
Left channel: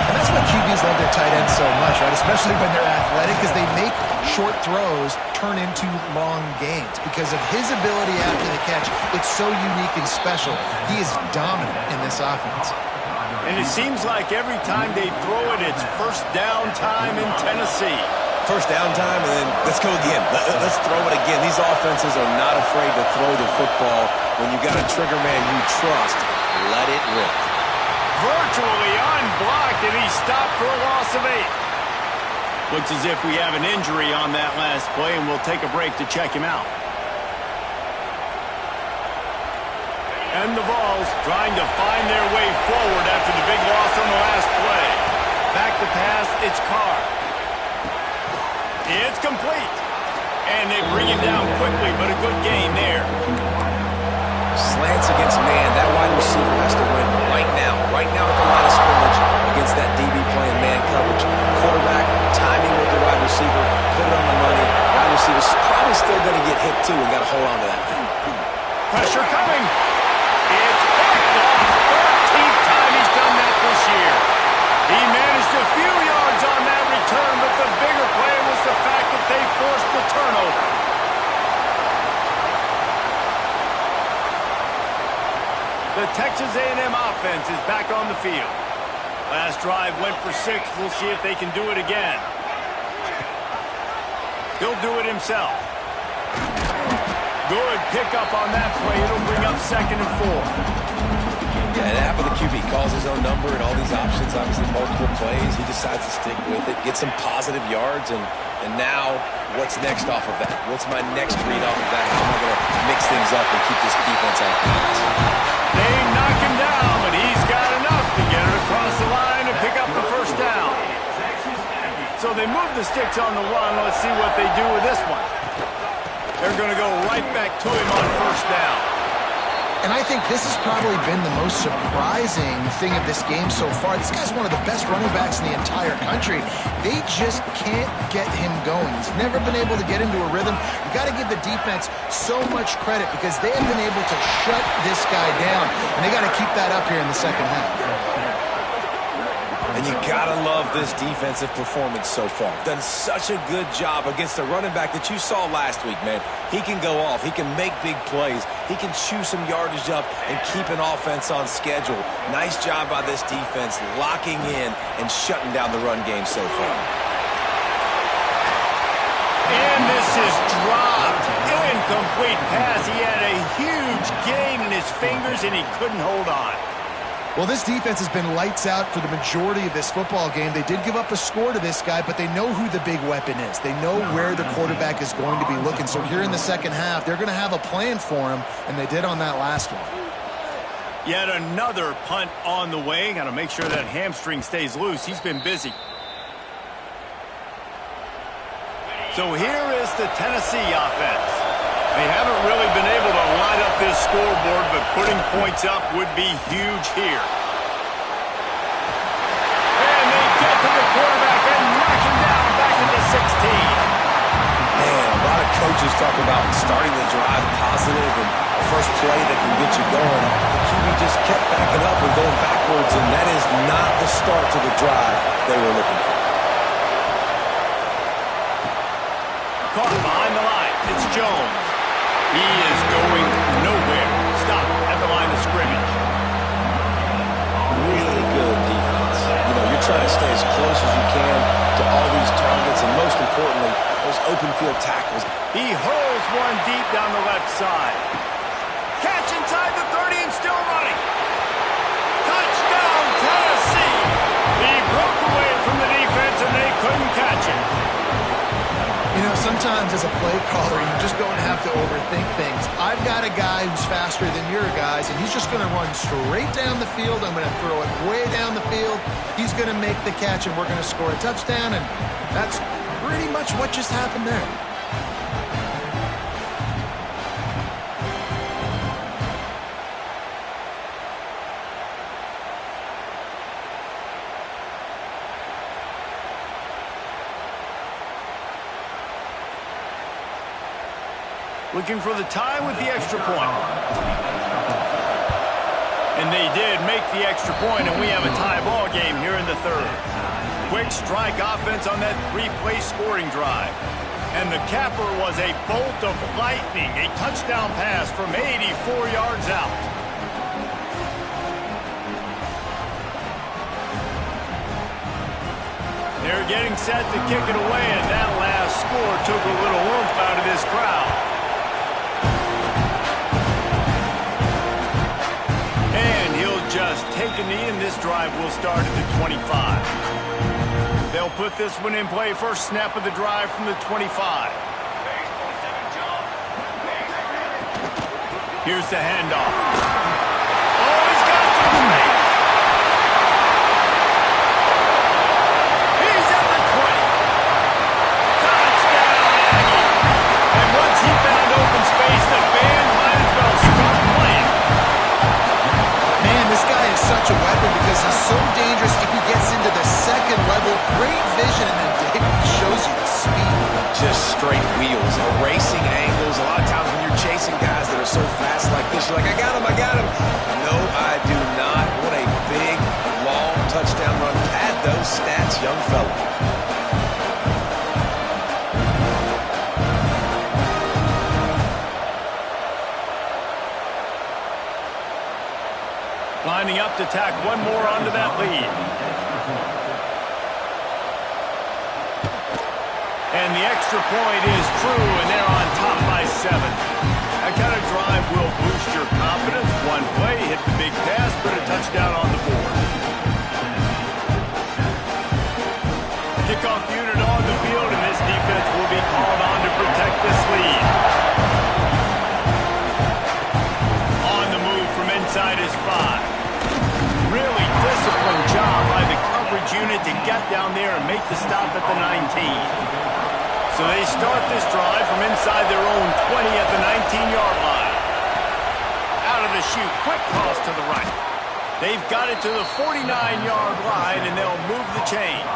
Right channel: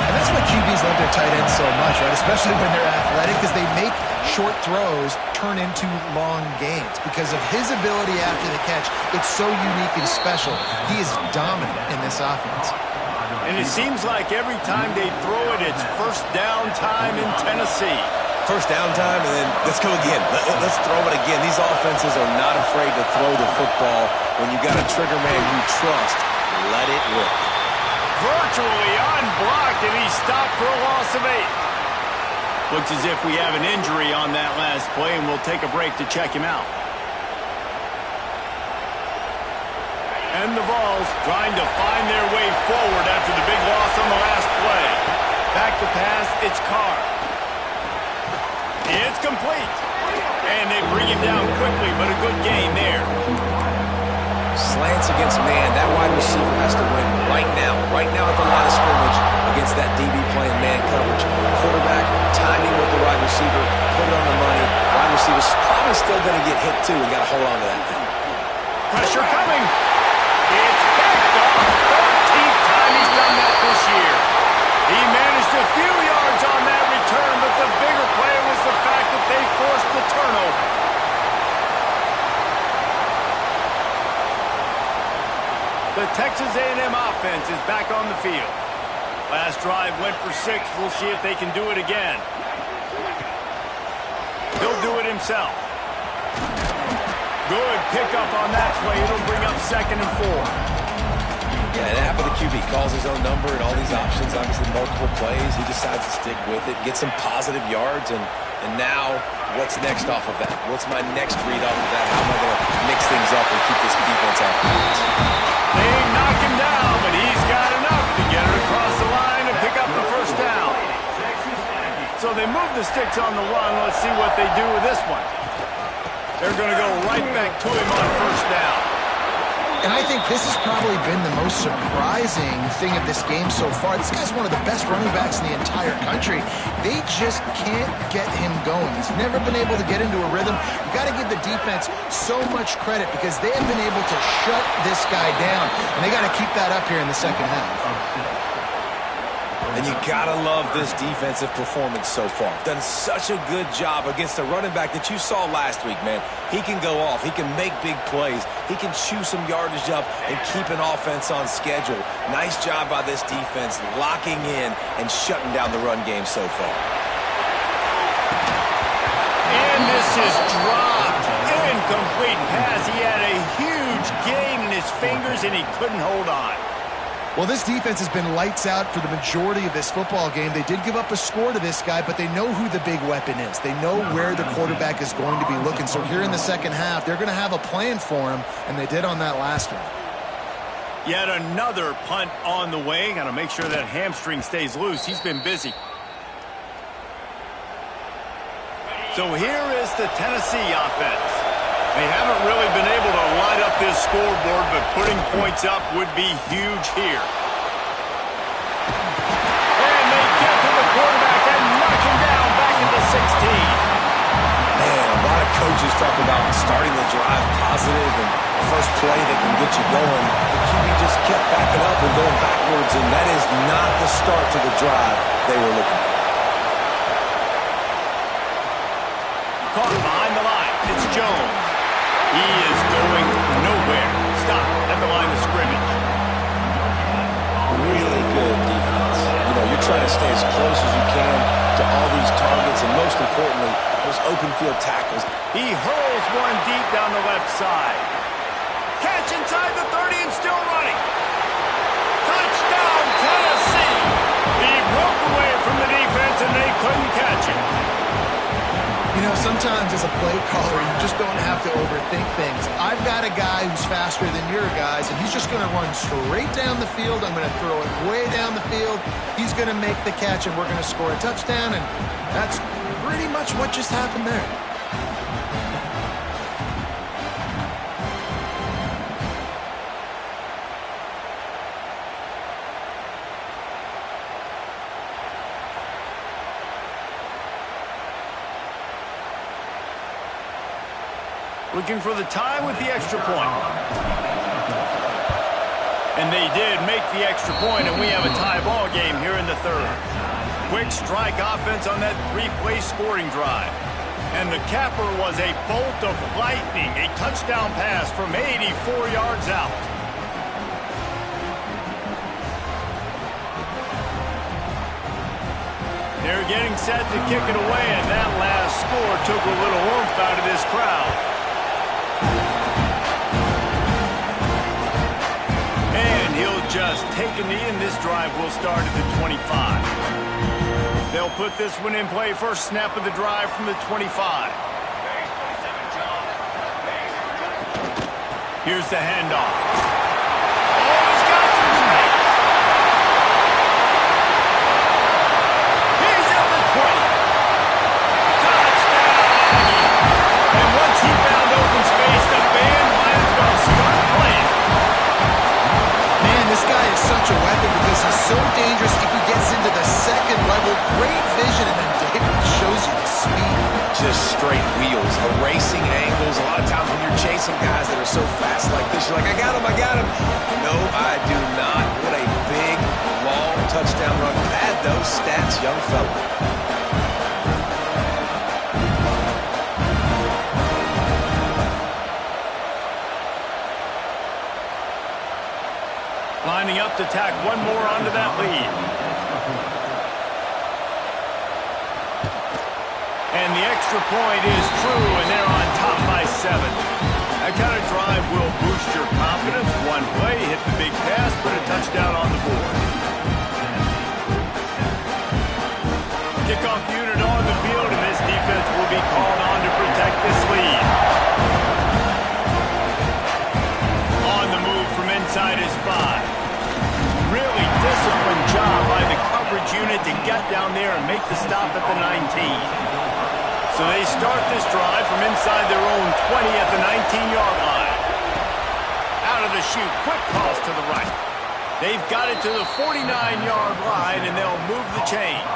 And that's why QBs love their tight ends so much, right? Especially when they're athletic, because they make short throws turn into long gains. Because of his ability after the catch, it's so unique and special. He is dominant in this offense. And it seems like every time they throw it, it's first down time in Tennessee. First down time, and then let's go again. Let's throw it again. These offenses are not afraid to throw the football. When you got a trigger man you trust, let it rip. Virtually unblocked, and he's stopped for a loss of 8. Looks as if we have an injury on that last play, and we'll take a break to check him out. And the Vols trying to find their way forward after the big loss on the last play. Back to pass, it's Carr. It's complete. And they bring him down quickly, but a good gain there. Slants against man, that wide receiver has to win right now at the line of scrimmage against that DB playing man coverage. Quarterback, timing with the wide receiver, put it on the money. Wide receiver's probably still going to get hit too and got to hold on to that thing. Pressure coming. It's picked off. 13th time he's done that this year. He managed a few yards on that return, but the bigger play was the fact that they forced the turnover. The Texas A&M offense is back on the field. Last drive went for 6. We'll see if they can do it again. He'll do it himself. Good pickup on that play. It'll bring up 2nd and 4. Yeah, and half of the QB calls his own number and all these options, obviously multiple plays. He decides to stick with it, get some positive yards, and now what's next off of that? What's my next read off of that? How am I going to mix things up and keep this defense off balance? They knock him down, but he's got enough to get it across the line and pick up the first down. So they move the sticks on the run. Let's see what they do with this one. They're going to go right back to him on first down. And I think this has probably been the most surprising thing of this game so far. This guy's one of the best running backs in the entire country. They just can't get him going. He's never been able to get into a rhythm. You got to give the defense so much credit because they have been able to shut this guy down. And they got to keep that up here in the second half. And you gotta love this defensive performance so far. Done such a good job against the running back that you saw last week, man. He can go off. He can make big plays. He can chew some yardage up and keep an offense on schedule. Nice job by this defense locking in and shutting down the run game so far. And this is dropped. Incomplete pass. He had a huge gain in his fingers, and he couldn't hold on. Well, this defense has been lights out for the majority of this football game. They did give up a score to this guy, but they know who the big weapon is. They know where the quarterback is going to be looking. So here in the second half, they're going to have a plan for him, and they did on that last one. Yet another punt on the way. Got to make sure that hamstring stays loose. He's been busy. So here is the Tennessee offense. They haven't really been able to light up this scoreboard, but putting points up would be huge here. And they get to the quarterback and knock him down back at the 16. Man, a lot of coaches talk about starting the drive positive and a first play that can get you going. The QB just kept backing up and going backwards, and that is not the start to the drive they were looking for. Caught behind the line. It's Jones. He is going nowhere. Stop at the line of scrimmage. Really good defense. You know, you're trying to stay as close as you can to all these targets, and most importantly, those open field tackles. He hurls one deep down the left side. Catch inside the 30 and still running. Touchdown, Tennessee. He broke away from the defense and they couldn't catch him. You know, sometimes as a play caller, you just don't have to overthink things. I've got a guy who's faster than your guys, and he's just going to run straight down the field. I'm going to throw it way down the field. He's going to make the catch, and we're going to score a touchdown, and that's pretty much what just happened there. Looking for the tie with the extra point. And they did make the extra point, and we have a tie ball game here in the third. Quick strike offense on that three-play scoring drive. And the capper was a bolt of lightning, a touchdown pass from 84 yards out. They're getting set to kick it away, and that last score took a little oomph out of this crowd. And he'll just take a knee, and this drive will start at the 25. They'll put this one in play. First snap of the drive from the 25. Here's the handoff. Oh, he's got some space. He's at the 20. Touchdown, Aggie. And once he found open space, the band might as well start playing. This guy is such a weapon because he's so dangerous if he gets into the second level. Great vision, and then David shows you the speed. Just straight wheels, erasing angles. A lot of times when you're chasing guys that are so fast like this, you're like, I got him, I got him. No, I do not. What a big, long touchdown run. Pad those stats, young fella. Lining up to tack one more onto that lead. And the extra point is true, and they're on top by 7. That kind of drive will boost your confidence. One play, hit the big pass, put a touchdown on the board. Kickoff unit on the field, and this defense will be called on to protect this lead. On the move from inside is 5. Really disciplined job by the coverage unit to get down there and make the stop at the 19. So they start this drive from inside their own 20 at the 19-yard line. Out of the chute, quick toss to the right. They've got it to the 49-yard line, and they'll move the chains.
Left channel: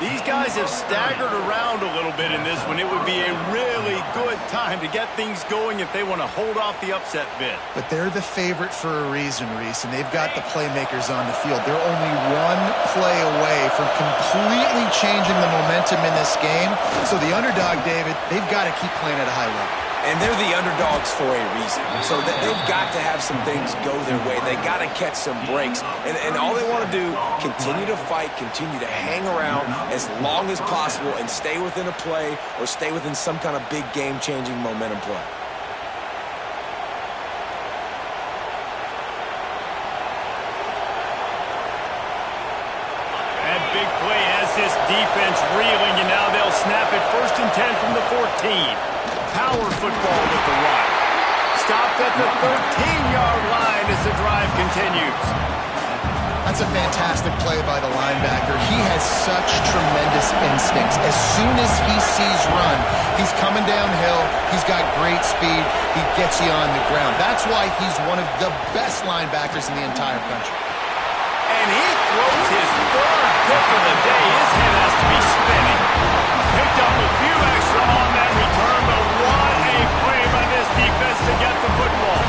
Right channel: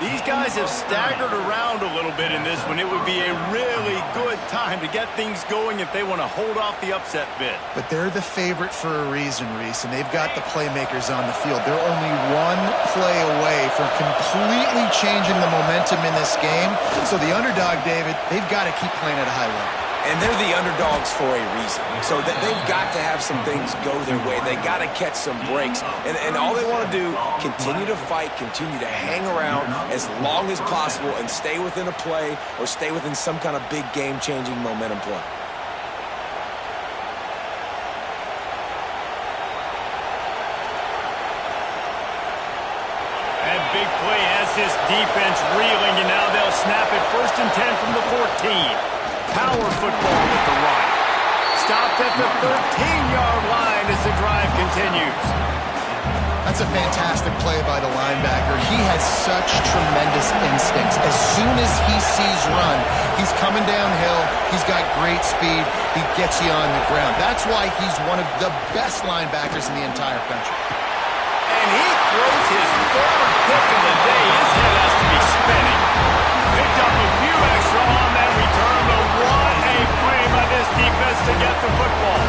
These guys have staggered around a little bit in this one. It would be a really good time to get things going if they want to hold off the upset bid. But they're the favorite for a reason, Reese, and they've got the playmakers on the field. They're only one play away from completely changing the momentum in this game. So the underdog, David, they've got to keep playing at a high level. And they're the underdogs for a reason. So they've got to have some things go their way. They got to catch some breaks. And all they want to do, continue to fight, continue to hang around as long as possible and stay within a play or stay within some kind of big game-changing momentum play. That big play has this defense reeling, and now they'll snap it 1st and 10 from the 14. Power football with the run. Stopped at the 13-yard line as the drive continues. That's a fantastic play by the linebacker. He has such tremendous instincts. As soon as he sees run, he's coming downhill. He's got great speed. He gets you on the ground. That's why he's one of the best linebackers in the entire country. And he throws his third pick of the day. His head has to be spinning. Picked up a few extra on that return, but what a play by this defense to get the football.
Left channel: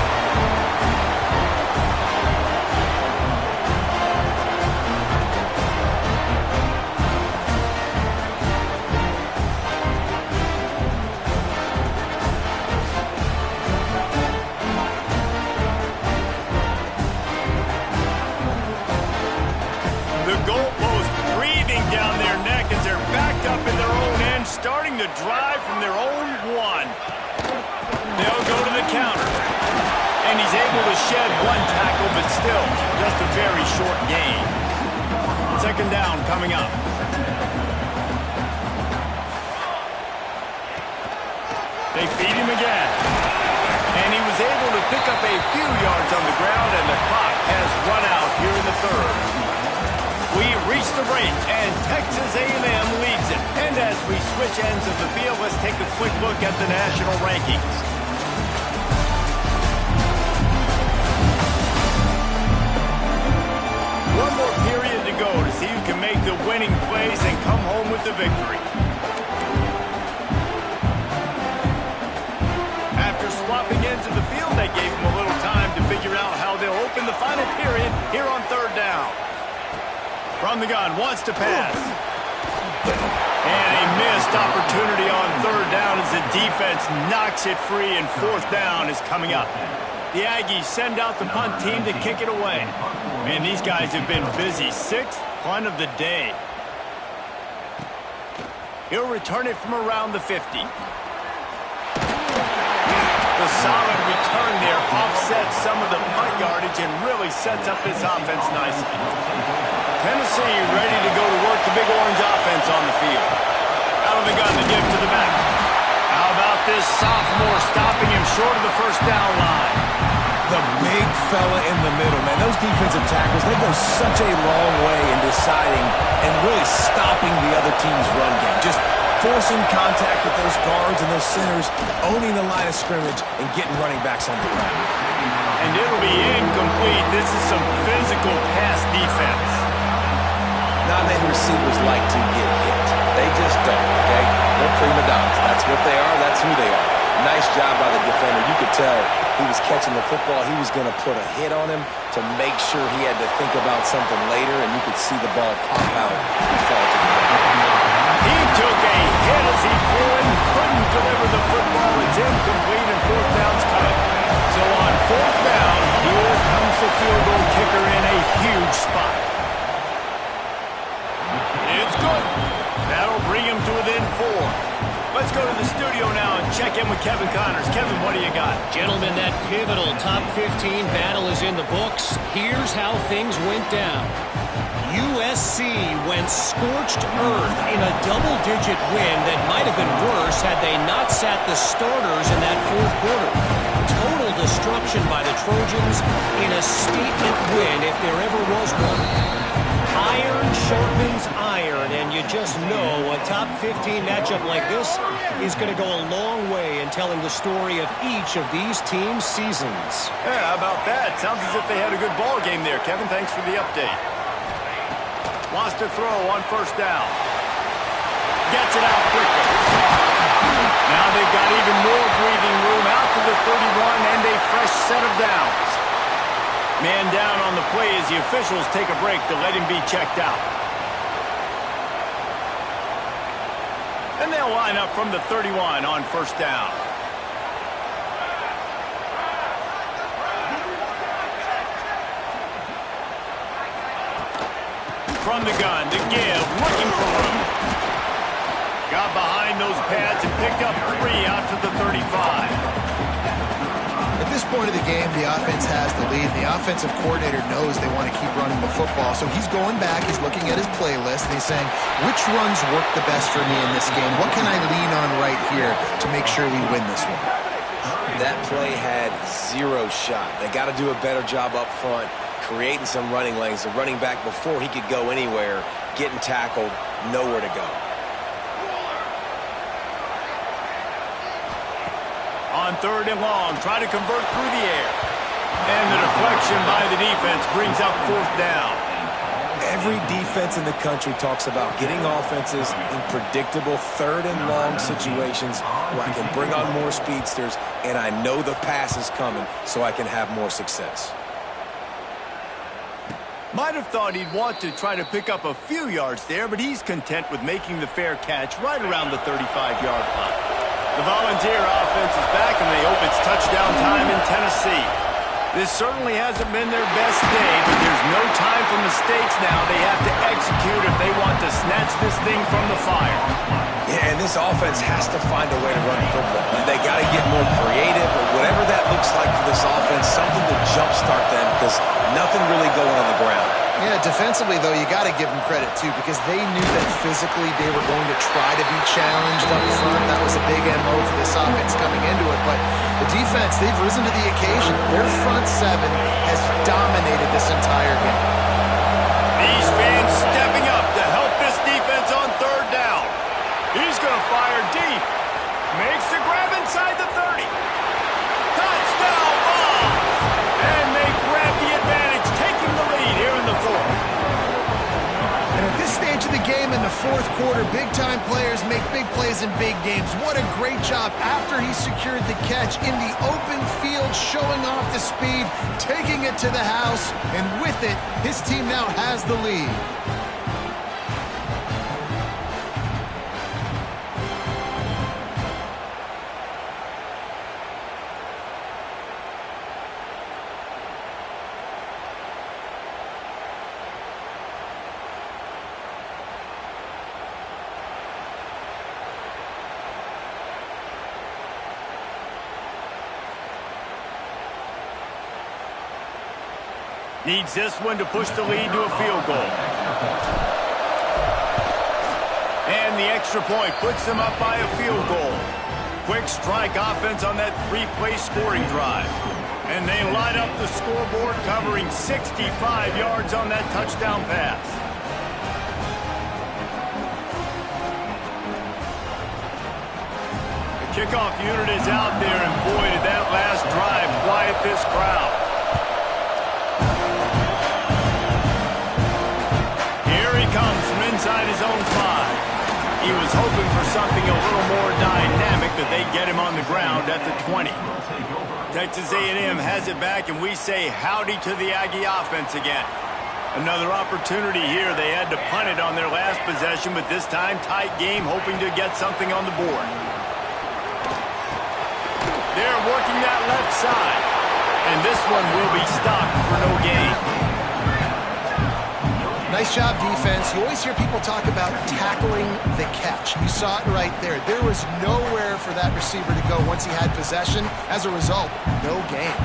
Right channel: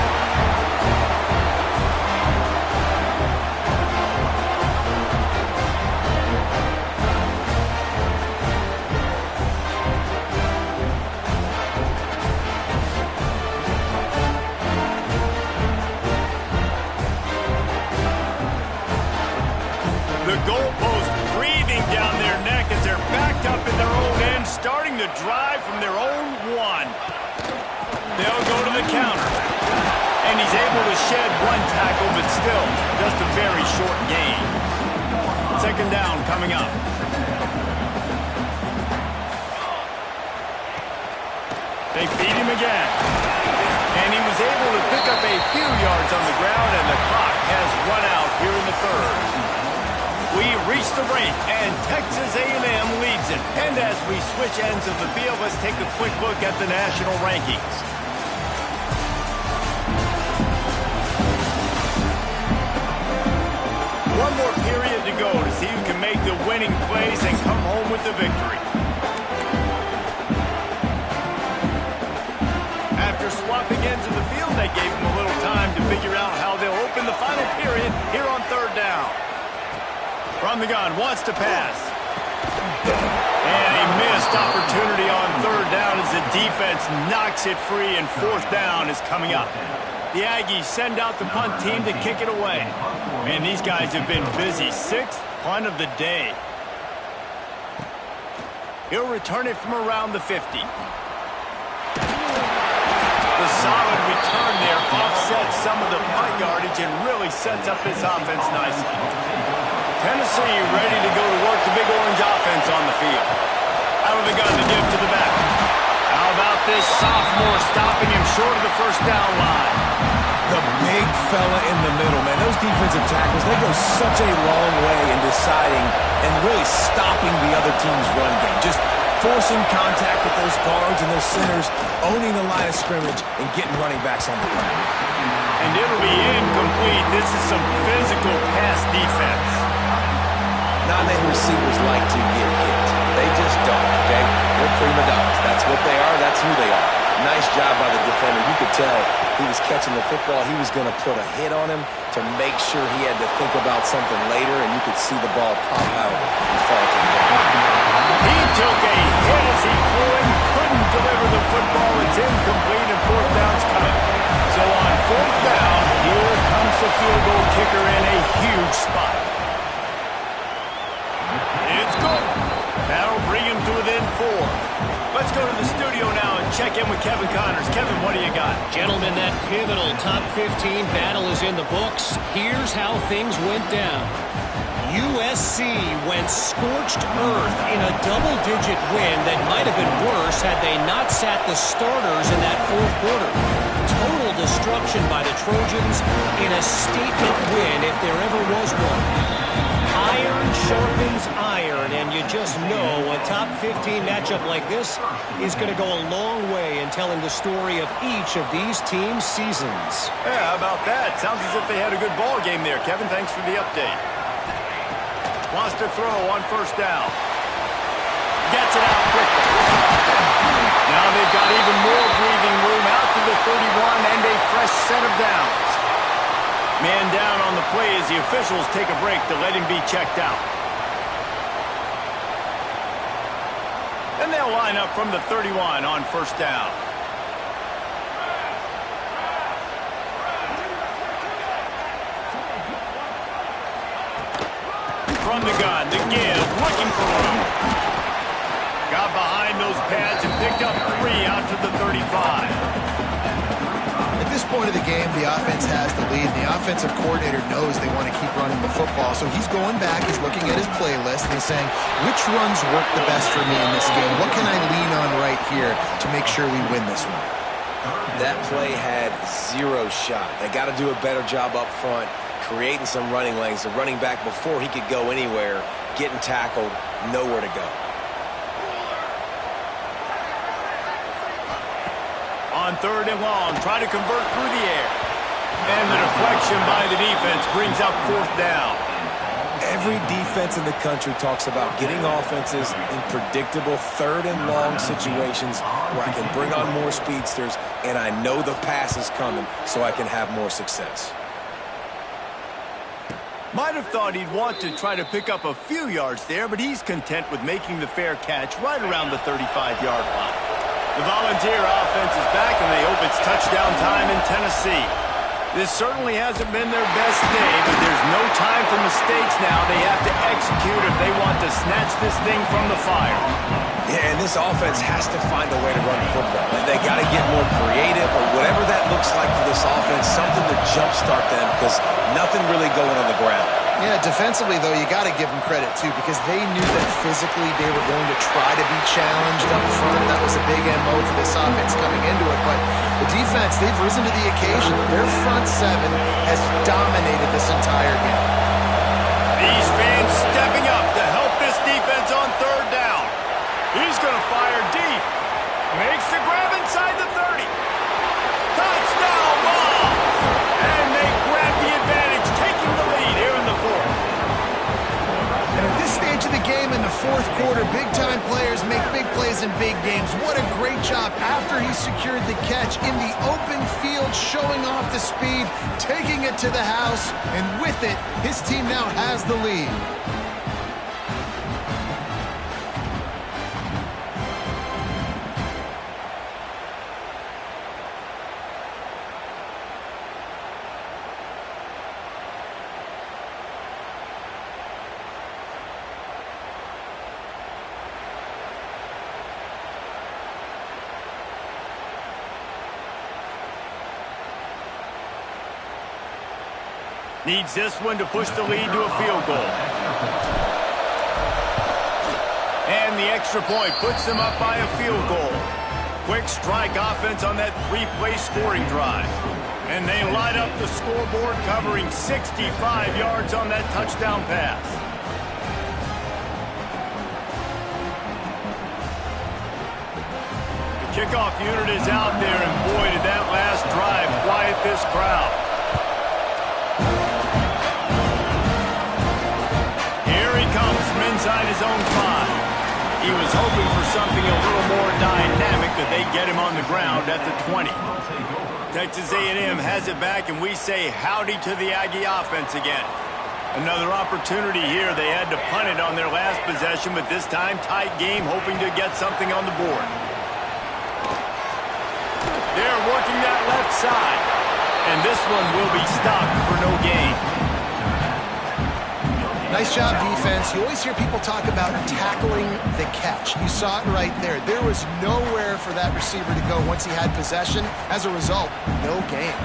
The goalpost breathing down their neck as they're backed up in their own end, starting to drive from their own one. They'll go to the counter. And he's able to shed one tackle, but still just a very short gain. Second down coming up. They feed him again. And he was able to pick up a few yards on the ground, and the clock has run out here in the third. We reach the break, and Texas A&M leads it. And as we switch ends of the field, let's take a quick look at the national rankings. One more period to go to see who can make the winning plays and come home with the victory. After swapping ends of the field, they gave them a little time to figure out how they'll open the final period here on third down. From the gun, wants to pass. And a missed opportunity on third down as the defense knocks it free, and fourth down is coming up. The Aggies send out the punt team to kick it away. Man, these guys have been busy. Sixth punt of the day. He'll return it from around the 50. The solid return there offsets some of the punt yardage and really sets up this offense nicely. Tennessee ready to go to work the big orange offense on the field. Out of the gun to give to the back. How about this sophomore stopping him short of the first down line? The big fella in the middle, man. Those defensive tackles, they go such a long way in deciding and really stopping the other team's run game. Just forcing contact with those guards and those centers, owning the line of scrimmage, and getting running backs on the ground. And it'll be incomplete. This is some physical pass defense. Not many receivers like to get hit. They just don't, okay? They're prima donnas. That's what they are. That's who they are. Nice job by the defender. You could tell he was catching the football. He was going to put a hit on him to make sure he had to think about something later, and you could see the ball pop out and fall to the ground. He took a hit as he threw it and couldn't deliver the football. It's incomplete, and fourth down's coming. So on fourth down, here comes the field goal kicker in a huge spot. It's good. That'll bring him to within 4. Let's go to the studio now and check in with Kevin Connors. Kevin, what do you got? Gentlemen, that pivotal top 15 battle is in the books. Here's how things went down. USC went scorched earth in a double-digit win that might have been worse had they not sat the starters in that fourth quarter. Total destruction by the Trojans in a statement win if there ever was one. Iron sharpens iron, and you just know a top 15 matchup like this is going to go a long way in telling the story of each of these teams' seasons. Yeah, how about that? Sounds as if they had a good ball game there. Kevin, thanks for the update. Wants to throw on first down. Gets it out quickly. Now they've got even more breathing room out to the 31 and a fresh set of downs. Man down on the play as the officials take a break to let him be checked out. And they'll line up from the 31 on first down. From the gun to give, looking for room. Got behind those pads and picked up 3 out to the 35. At this point of the game, the offense has the lead. The offensive coordinator knows they want to keep running the football. So he's going back, he's looking at his playlist, and he's saying, which runs work the best for me in this game? What can I lean on right here to make sure we win this one? That play had 0 shot. They got to do a better job up front creating some running lanes. The running back, before he could go anywhere, getting tackled, nowhere to go. On 3rd and long, try to convert through the air. And the deflection by the defense brings up 4th down. Every defense in the country talks about getting offenses in predictable 3rd and long situations where I can bring on more speedsters and I know the pass is coming so I can have more success. Might have thought he'd want to try to pick up a few yards there, but he's content with making the fair catch right around the 35-yard line. The Volunteer offense is back, and they hope it's touchdown time in Tennessee. This certainly hasn't been their best day, but there's no time for mistakes now. They have to execute if they want to snatch this thing from the fire. Yeah, and this offense has to find a way to run the football. They got to get more creative, or whatever that looks like for this offense, something to jumpstart them, because nothing really going on the ground. Yeah, defensively, though, you got to give them credit, too, because they knew that physically they were going to try to be challenged up front. That was a big MO for this offense coming into it. But the defense, they've risen to the occasion. Their front seven has dominated this entire game. These fans stepping up to help this defense on 3rd down. He's going to fire deep. Makes the grab inside the 30. Touchdown ball! And they grab the advantage, taking the lead here in the 4th. And at this stage of the game in the 4th quarter, big-time players make big plays in big games. What a great job after he secured the catch in the open field, showing off the speed, taking it to the house, and with it, his team now has the lead. Needs this one to push the lead to a field goal. And the extra point puts them up by a field goal. Quick strike offense on that 3-play scoring drive. And they light up the scoreboard, covering 65 yards on that touchdown pass. The kickoff unit is out there, and boy, did that last drive quiet this crowd. Comes from inside his own 5. He was hoping for something a little more dynamic, but they get him on the ground at the 20. Texas A&M has it back, and we say howdy to the Aggie offense again. Another opportunity here. They had to punt it on their last possession, but this time tight game, hoping to get something on the board. They're working that left side, and this one will be stopped for no gain. Nice job, defense. You always hear people talk about tackling the catch. You saw it right there. There was nowhere for that receiver to go once he had possession. As a result, no gain.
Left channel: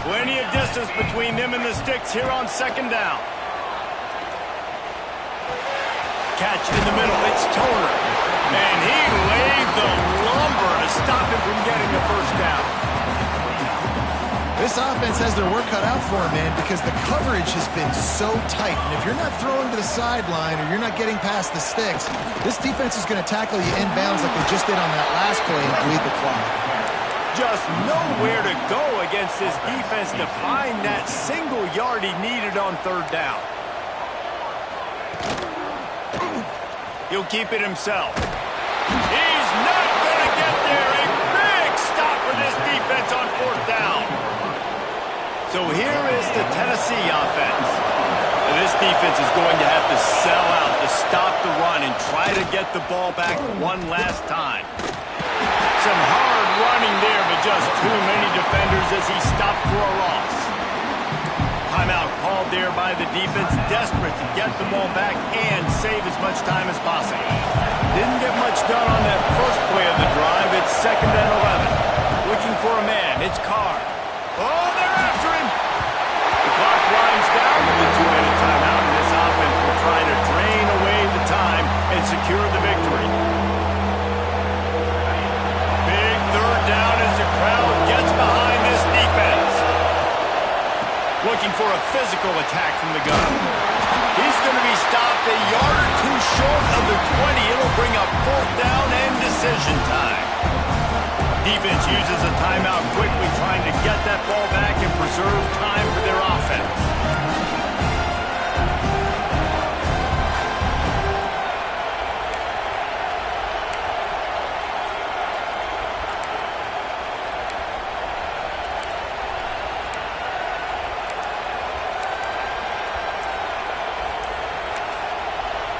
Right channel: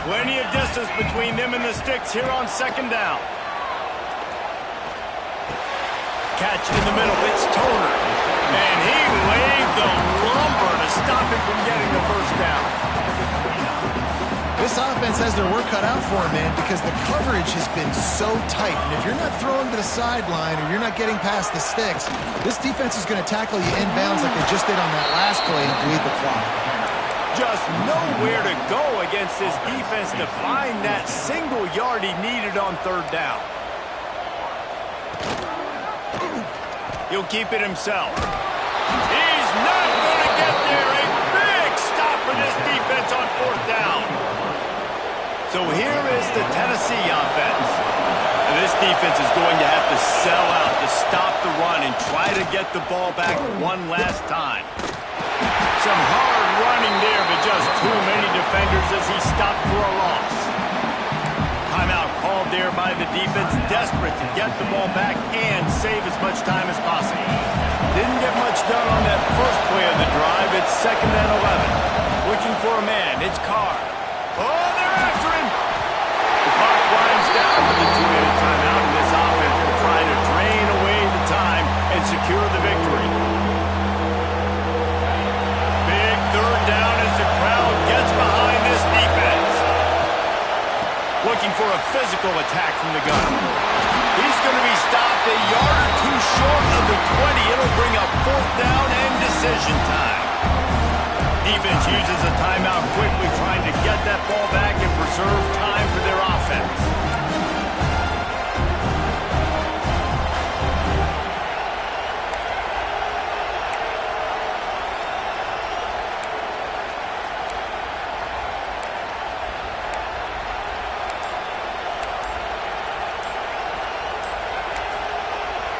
Plenty of distance between them and the sticks here on 2nd down. Catch in the middle. It's Toner. And he laid the lumber to stop him from getting the 1st down. This offense has their work cut out for them, man, because the coverage has been so tight. And if you're not throwing to the sideline or you're not getting past the sticks, this defense is going to tackle you inbounds like they just did on that last play and bleed the clock. Just nowhere to go against this defense to find that single yard he needed on 3rd down. He'll keep it himself. He's not going to get there. A big stop for this defense on 4th down. So here is the Tennessee offense. And this defense is going to have to sell out to stop the run and try to get the ball back one last time. Some hard running there, but just too many defenders as he stopped for a loss. Timeout called there by the defense, desperate to get the ball back and save as much time as possible. Didn't get much done on that first play of the drive. It's 2nd and 11. Looking for a man. It's Carr. Oh, they're after him. The clock winds down with the 2-minute timeout, and this offense will try to drain away the time and secure the victory. Big 3rd down as the crowd gets behind this defense. looking for a physical attack from the gun. He's going to be stopped a yard or two short of the 20. It'll bring up 4th down and decision time. Defense uses a timeout quickly, trying to get that ball back and preserve time for their offense.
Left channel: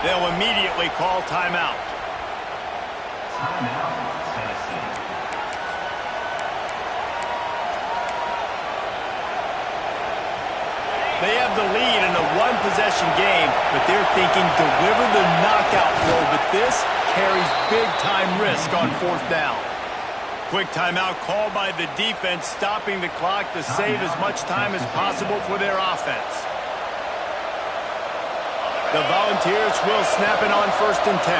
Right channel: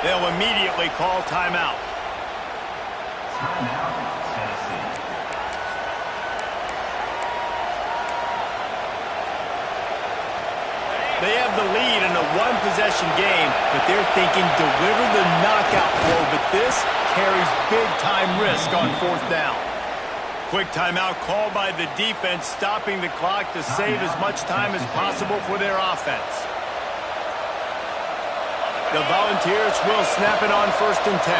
They'll immediately call timeout. Timeout, Tennessee. They have the lead in a one-possession game, but they're thinking deliver the knockout blow, but this carries big-time risk on 4th down. Quick timeout called by the defense, stopping the clock to save as much time as possible for their offense. The Volunteers will snap it on 1st and 10.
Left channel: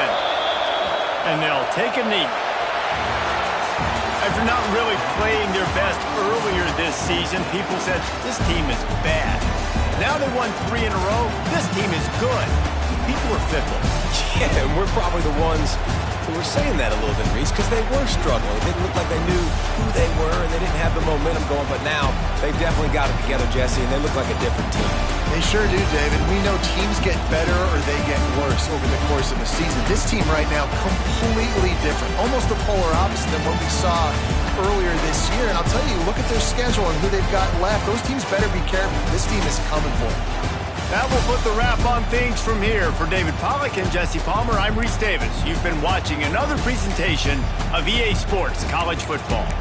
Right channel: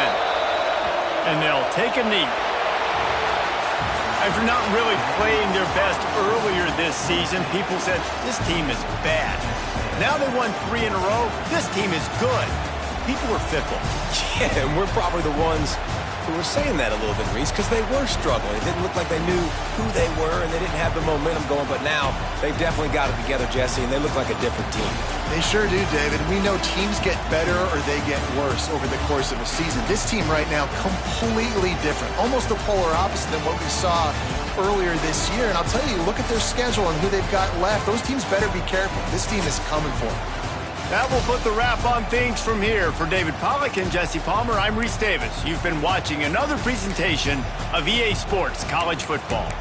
And they'll take a knee. After not really playing their best earlier this season, people said, this team is bad. Now they won 3 in a row. This team is good. People are fickle. Yeah, and we're probably the ones who were saying that a little bit, Reese, because they were struggling. It didn't look like they knew who they were, and they didn't have the momentum going. But now they've definitely got it together, Jesse, and they look like a different team. They sure do, David. We know teams get better or they get worse over the course of a season. This team right now, completely different. Almost the polar opposite than what we saw earlier this year. And I'll tell you, look at their schedule and who they've got left. Those teams better be careful. This team is coming for them. That will put the wrap on things from here. For David Pollack and Jesse Palmer, I'm Reese Davis. You've been watching another presentation of EA Sports College Football.